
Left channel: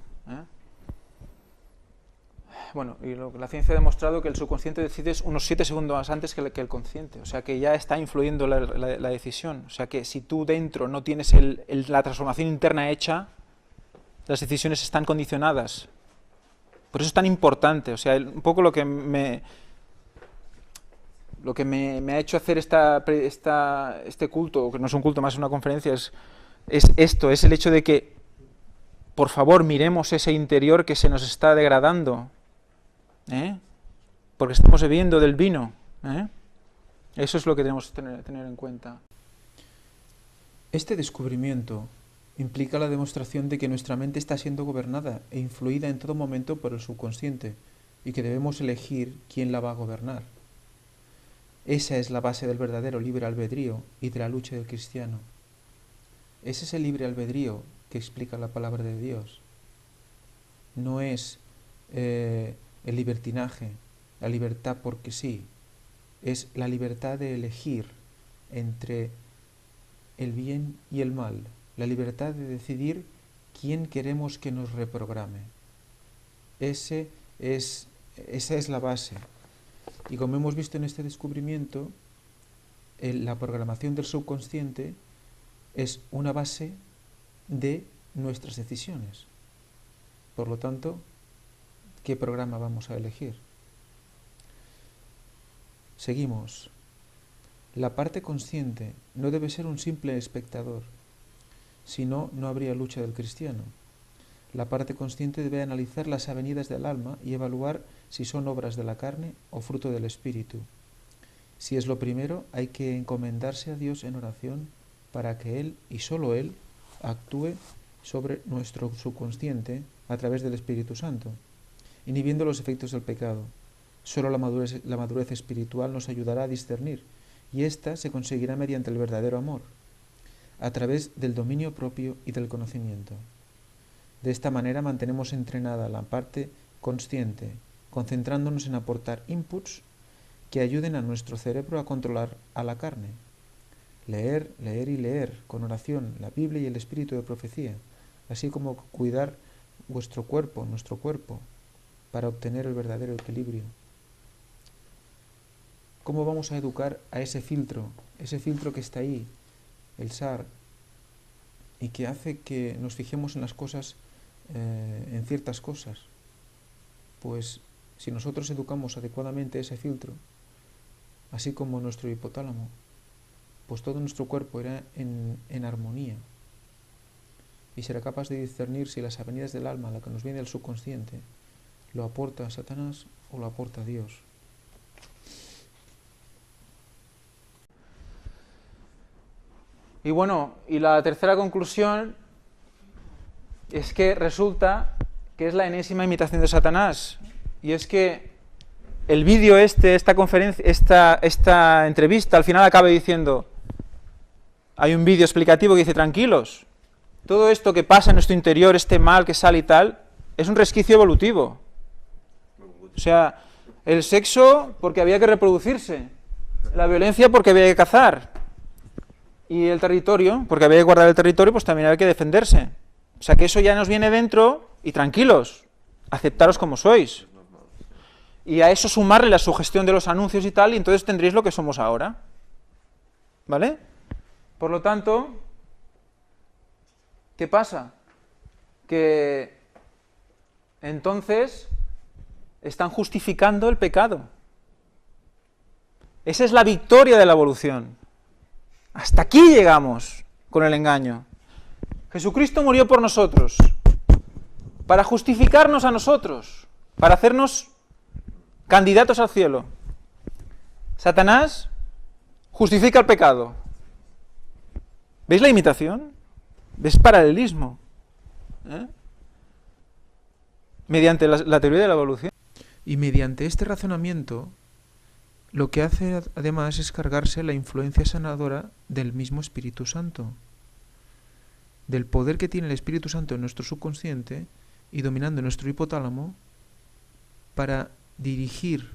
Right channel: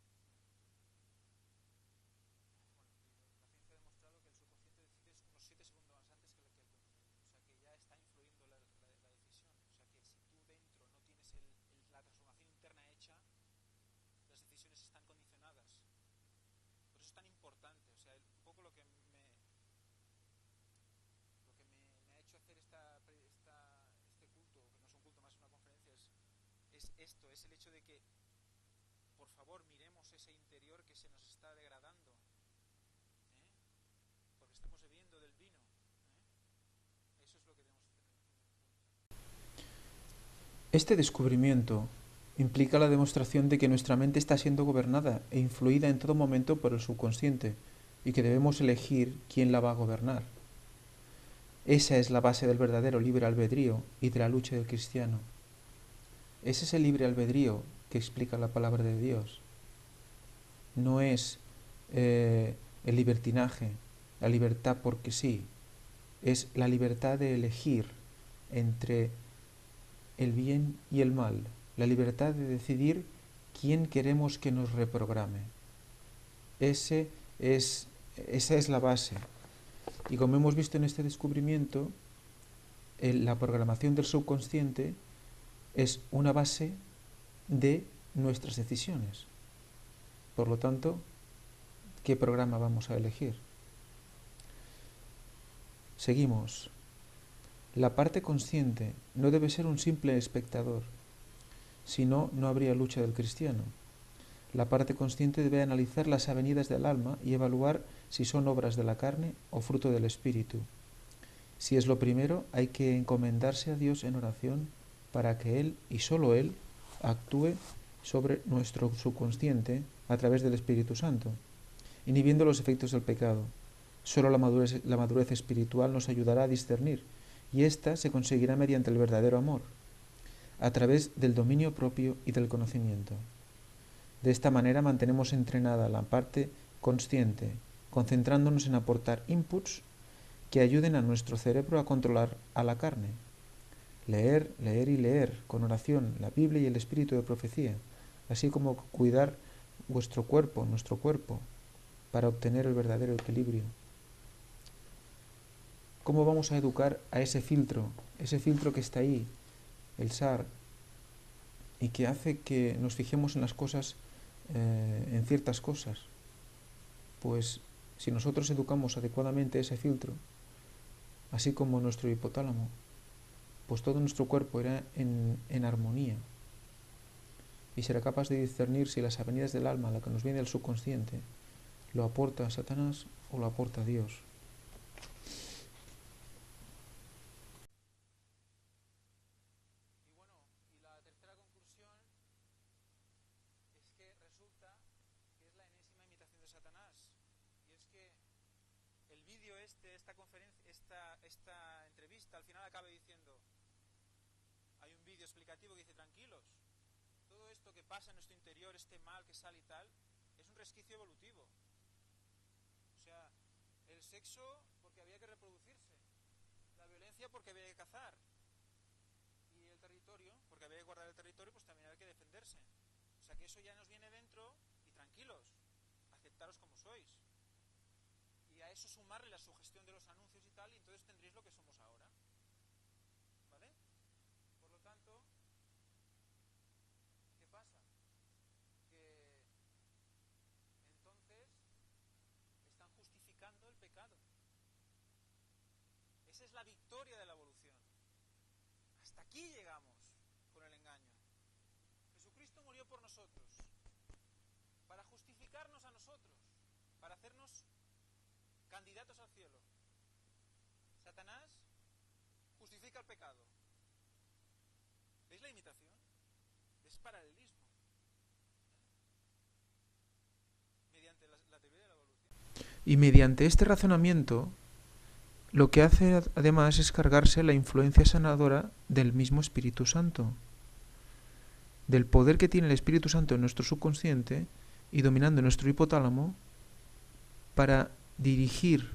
Bueno, y la ciencia ha demostrado que el subconsciente decide unos 7 segundos antes que el consciente, o sea que ya está influyendo la decisión. O sea que si tú dentro no tienes la transformación interna hecha, las decisiones están condicionadas. Por eso es tan importante. O sea, un poco lo que me ha hecho hacer este culto, que no es un culto, más una conferencia, es esto, es el hecho de que, por favor, miremos ese interior que se nos está degradando. Porque estamos bebiendo del vino. Eso es lo que tenemos que tener en cuenta. Este descubrimiento implica la demostración de que nuestra mente está siendo gobernada e influida en todo momento por el subconsciente, y que debemos elegir quién la va a gobernar. Esa es la base del verdadero libre albedrío y de la lucha del cristiano. Es ese libre albedrío que explica la palabra de Dios. No es el libertinaje, la libertad porque sí, es la libertad de elegir entre el bien y el mal, la libertad de decidir quién queremos que nos reprograme. Esa es la base. Y como hemos visto en este descubrimiento, la programación del subconsciente es una base de nuestras decisiones. Por lo tanto, ¿qué programa vamos a elegir? Seguimos. La parte consciente no debe ser un simple espectador, si no, no habría lucha del cristiano. La parte consciente debe analizar las avenidas del alma y evaluar si son obras de la carne o fruto del espíritu. Si es lo primero, hay que encomendarse a Dios en oración para que Él, y solo Él, actúe sobre nuestro subconsciente a través del Espíritu Santo, inhibiendo los efectos del pecado. Solo la madurez espiritual nos ayudará a discernir, y ésta se conseguirá mediante el verdadero amor, a través del dominio propio y del conocimiento. De esta manera mantenemos entrenada la parte consciente, concentrándonos en aportar inputs que ayuden a nuestro cerebro a controlar a la carne. Leer, leer y leer, con oración, la Biblia y el espíritu de profecía, así como cuidar vuestro cuerpo, nuestro cuerpo. para obtener el verdadero equilibrio. ¿Cómo vamos a educar a ese filtro que está ahí, el SAR, y que hace que nos fijemos en las cosas, en ciertas cosas? Pues si nosotros educamos adecuadamente ese filtro, así como nuestro hipotálamo, pues todo nuestro cuerpo irá en armonía y será capaz de discernir si las avenidas del alma, la que nos viene del subconsciente, lo aporta Satanás o lo aporta Dios. Y bueno, y la tercera conclusión es que resulta que es la enésima imitación de Satanás. Y es que el vídeo esta conferencia, esta entrevista, al final acaba diciendo, hay un vídeo explicativo que dice, tranquilos, todo esto que pasa en nuestro interior, este mal que sale y tal, es un resquicio evolutivo. O sea, el sexo porque había que reproducirse, la violencia porque había que cazar, y el territorio, porque había que guardar el territorio, pues también había que defenderse. O sea que eso ya nos viene dentro, y tranquilos, aceptaros como sois. Y a eso sumarle la sugestión de los anuncios y tal, y entonces tendréis lo que somos ahora. ¿Vale? Por lo tanto, ¿qué pasa? Que entonces están justificando el pecado. Esa es la victoria de la evolución. Hasta aquí llegamos con el engaño. Jesucristo murió por nosotros, para justificarnos a nosotros, para hacernos candidatos al cielo. Satanás justifica el pecado. ¿Veis la imitación? ¿Veis paralelismo? Mediante la teoría de la evolución. Y mediante este razonamiento, lo que hace además es cargarse la influencia sanadora del mismo Espíritu Santo, del poder que tiene el Espíritu Santo en nuestro subconsciente y dominando nuestro hipotálamo para dirigir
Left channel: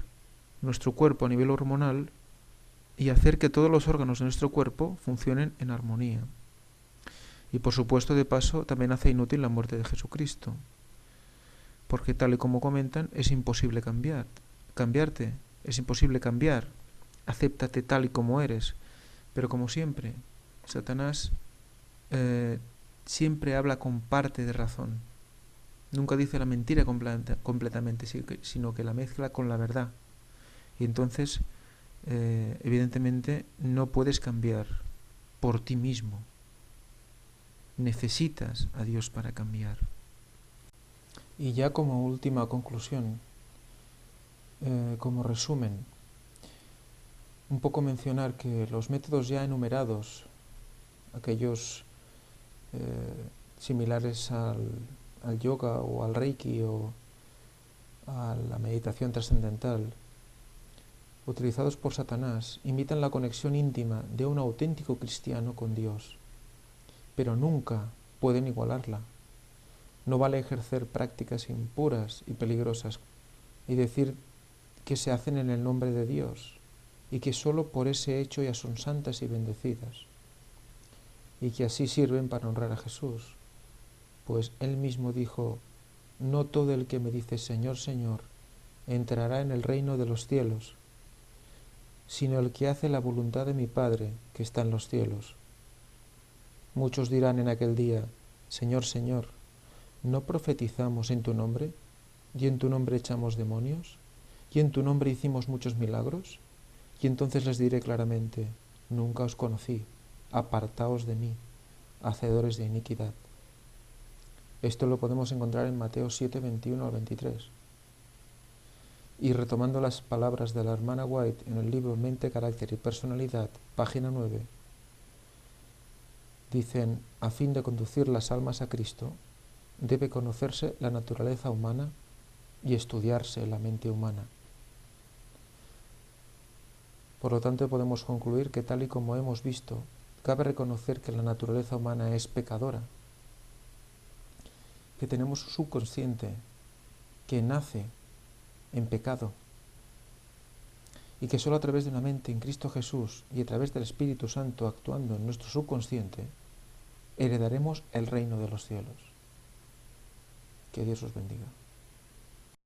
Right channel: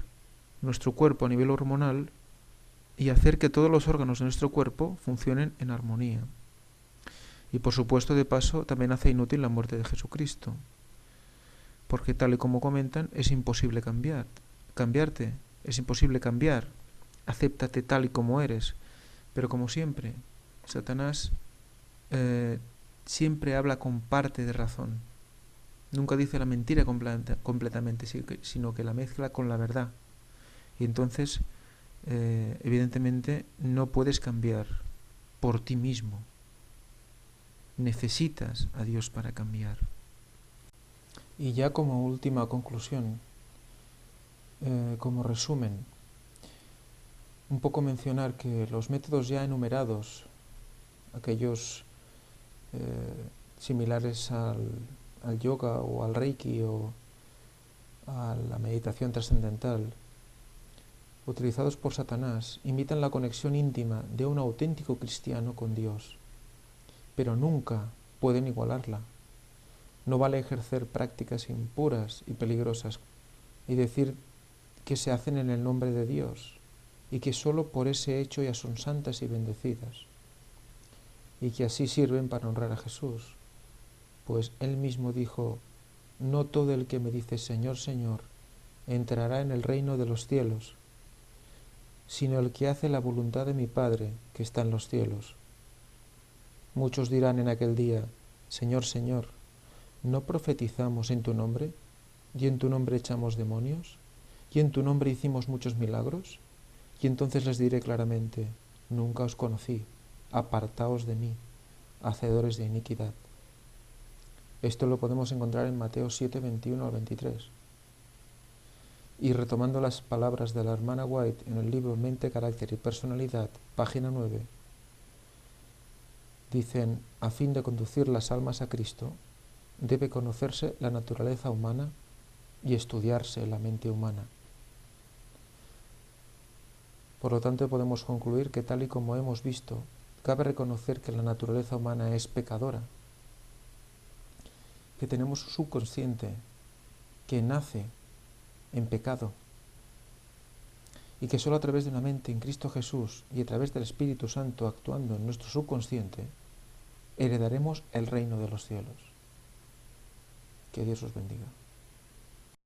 nuestro cuerpo a nivel hormonal y hacer que todos los órganos de nuestro cuerpo funcionen en armonía. Y por supuesto, de paso, también hace inútil la muerte de Jesucristo, porque tal y como comentan, es imposible cambiarte. Es imposible cambiar, acéptate tal y como eres. Pero como siempre, Satanás siempre habla con parte de razón. Nunca dice la mentira completamente, sino que la mezcla con la verdad. Y entonces, evidentemente, no puedes cambiar por ti mismo. Necesitas a Dios para cambiar. Y ya como última conclusión, como resumen, un poco mencionar que los métodos ya enumerados, aquellos similares al yoga o al reiki o a la meditación trascendental, utilizados por Satanás, imitan la conexión íntima de un auténtico cristiano con Dios, pero nunca pueden igualarla. No vale ejercer prácticas impuras y peligrosas y decir que se hacen en el nombre de Dios y que sólo por ese hecho ya son santas y bendecidas y que así sirven para honrar a Jesús, pues Él mismo dijo, no todo el que me dice Señor, Señor, entrará en el reino de los cielos, sino el que hace la voluntad de mi Padre que está en los cielos. Muchos dirán en aquel día, Señor, Señor, ¿no profetizamos en tu nombre? ¿Y en tu nombre echamos demonios? ¿Y en tu nombre hicimos muchos milagros? Y entonces les diré claramente, nunca os conocí, apartaos de mí, hacedores de iniquidad. Esto lo podemos encontrar en Mateo 7, 21 al 23. Y retomando las palabras de la hermana White en el libro Mente, Carácter y Personalidad, página 9, dicen, a fin de conducir las almas a Cristo, debe conocerse la naturaleza humana y estudiarse la mente humana. Por lo tanto, podemos concluir que tal y como hemos visto, cabe reconocer que la naturaleza humana es pecadora, que tenemos un subconsciente que nace en pecado y que solo a través de una mente en Cristo Jesús y a través del Espíritu Santo actuando en nuestro subconsciente heredaremos el reino de los cielos. Que Dios os bendiga.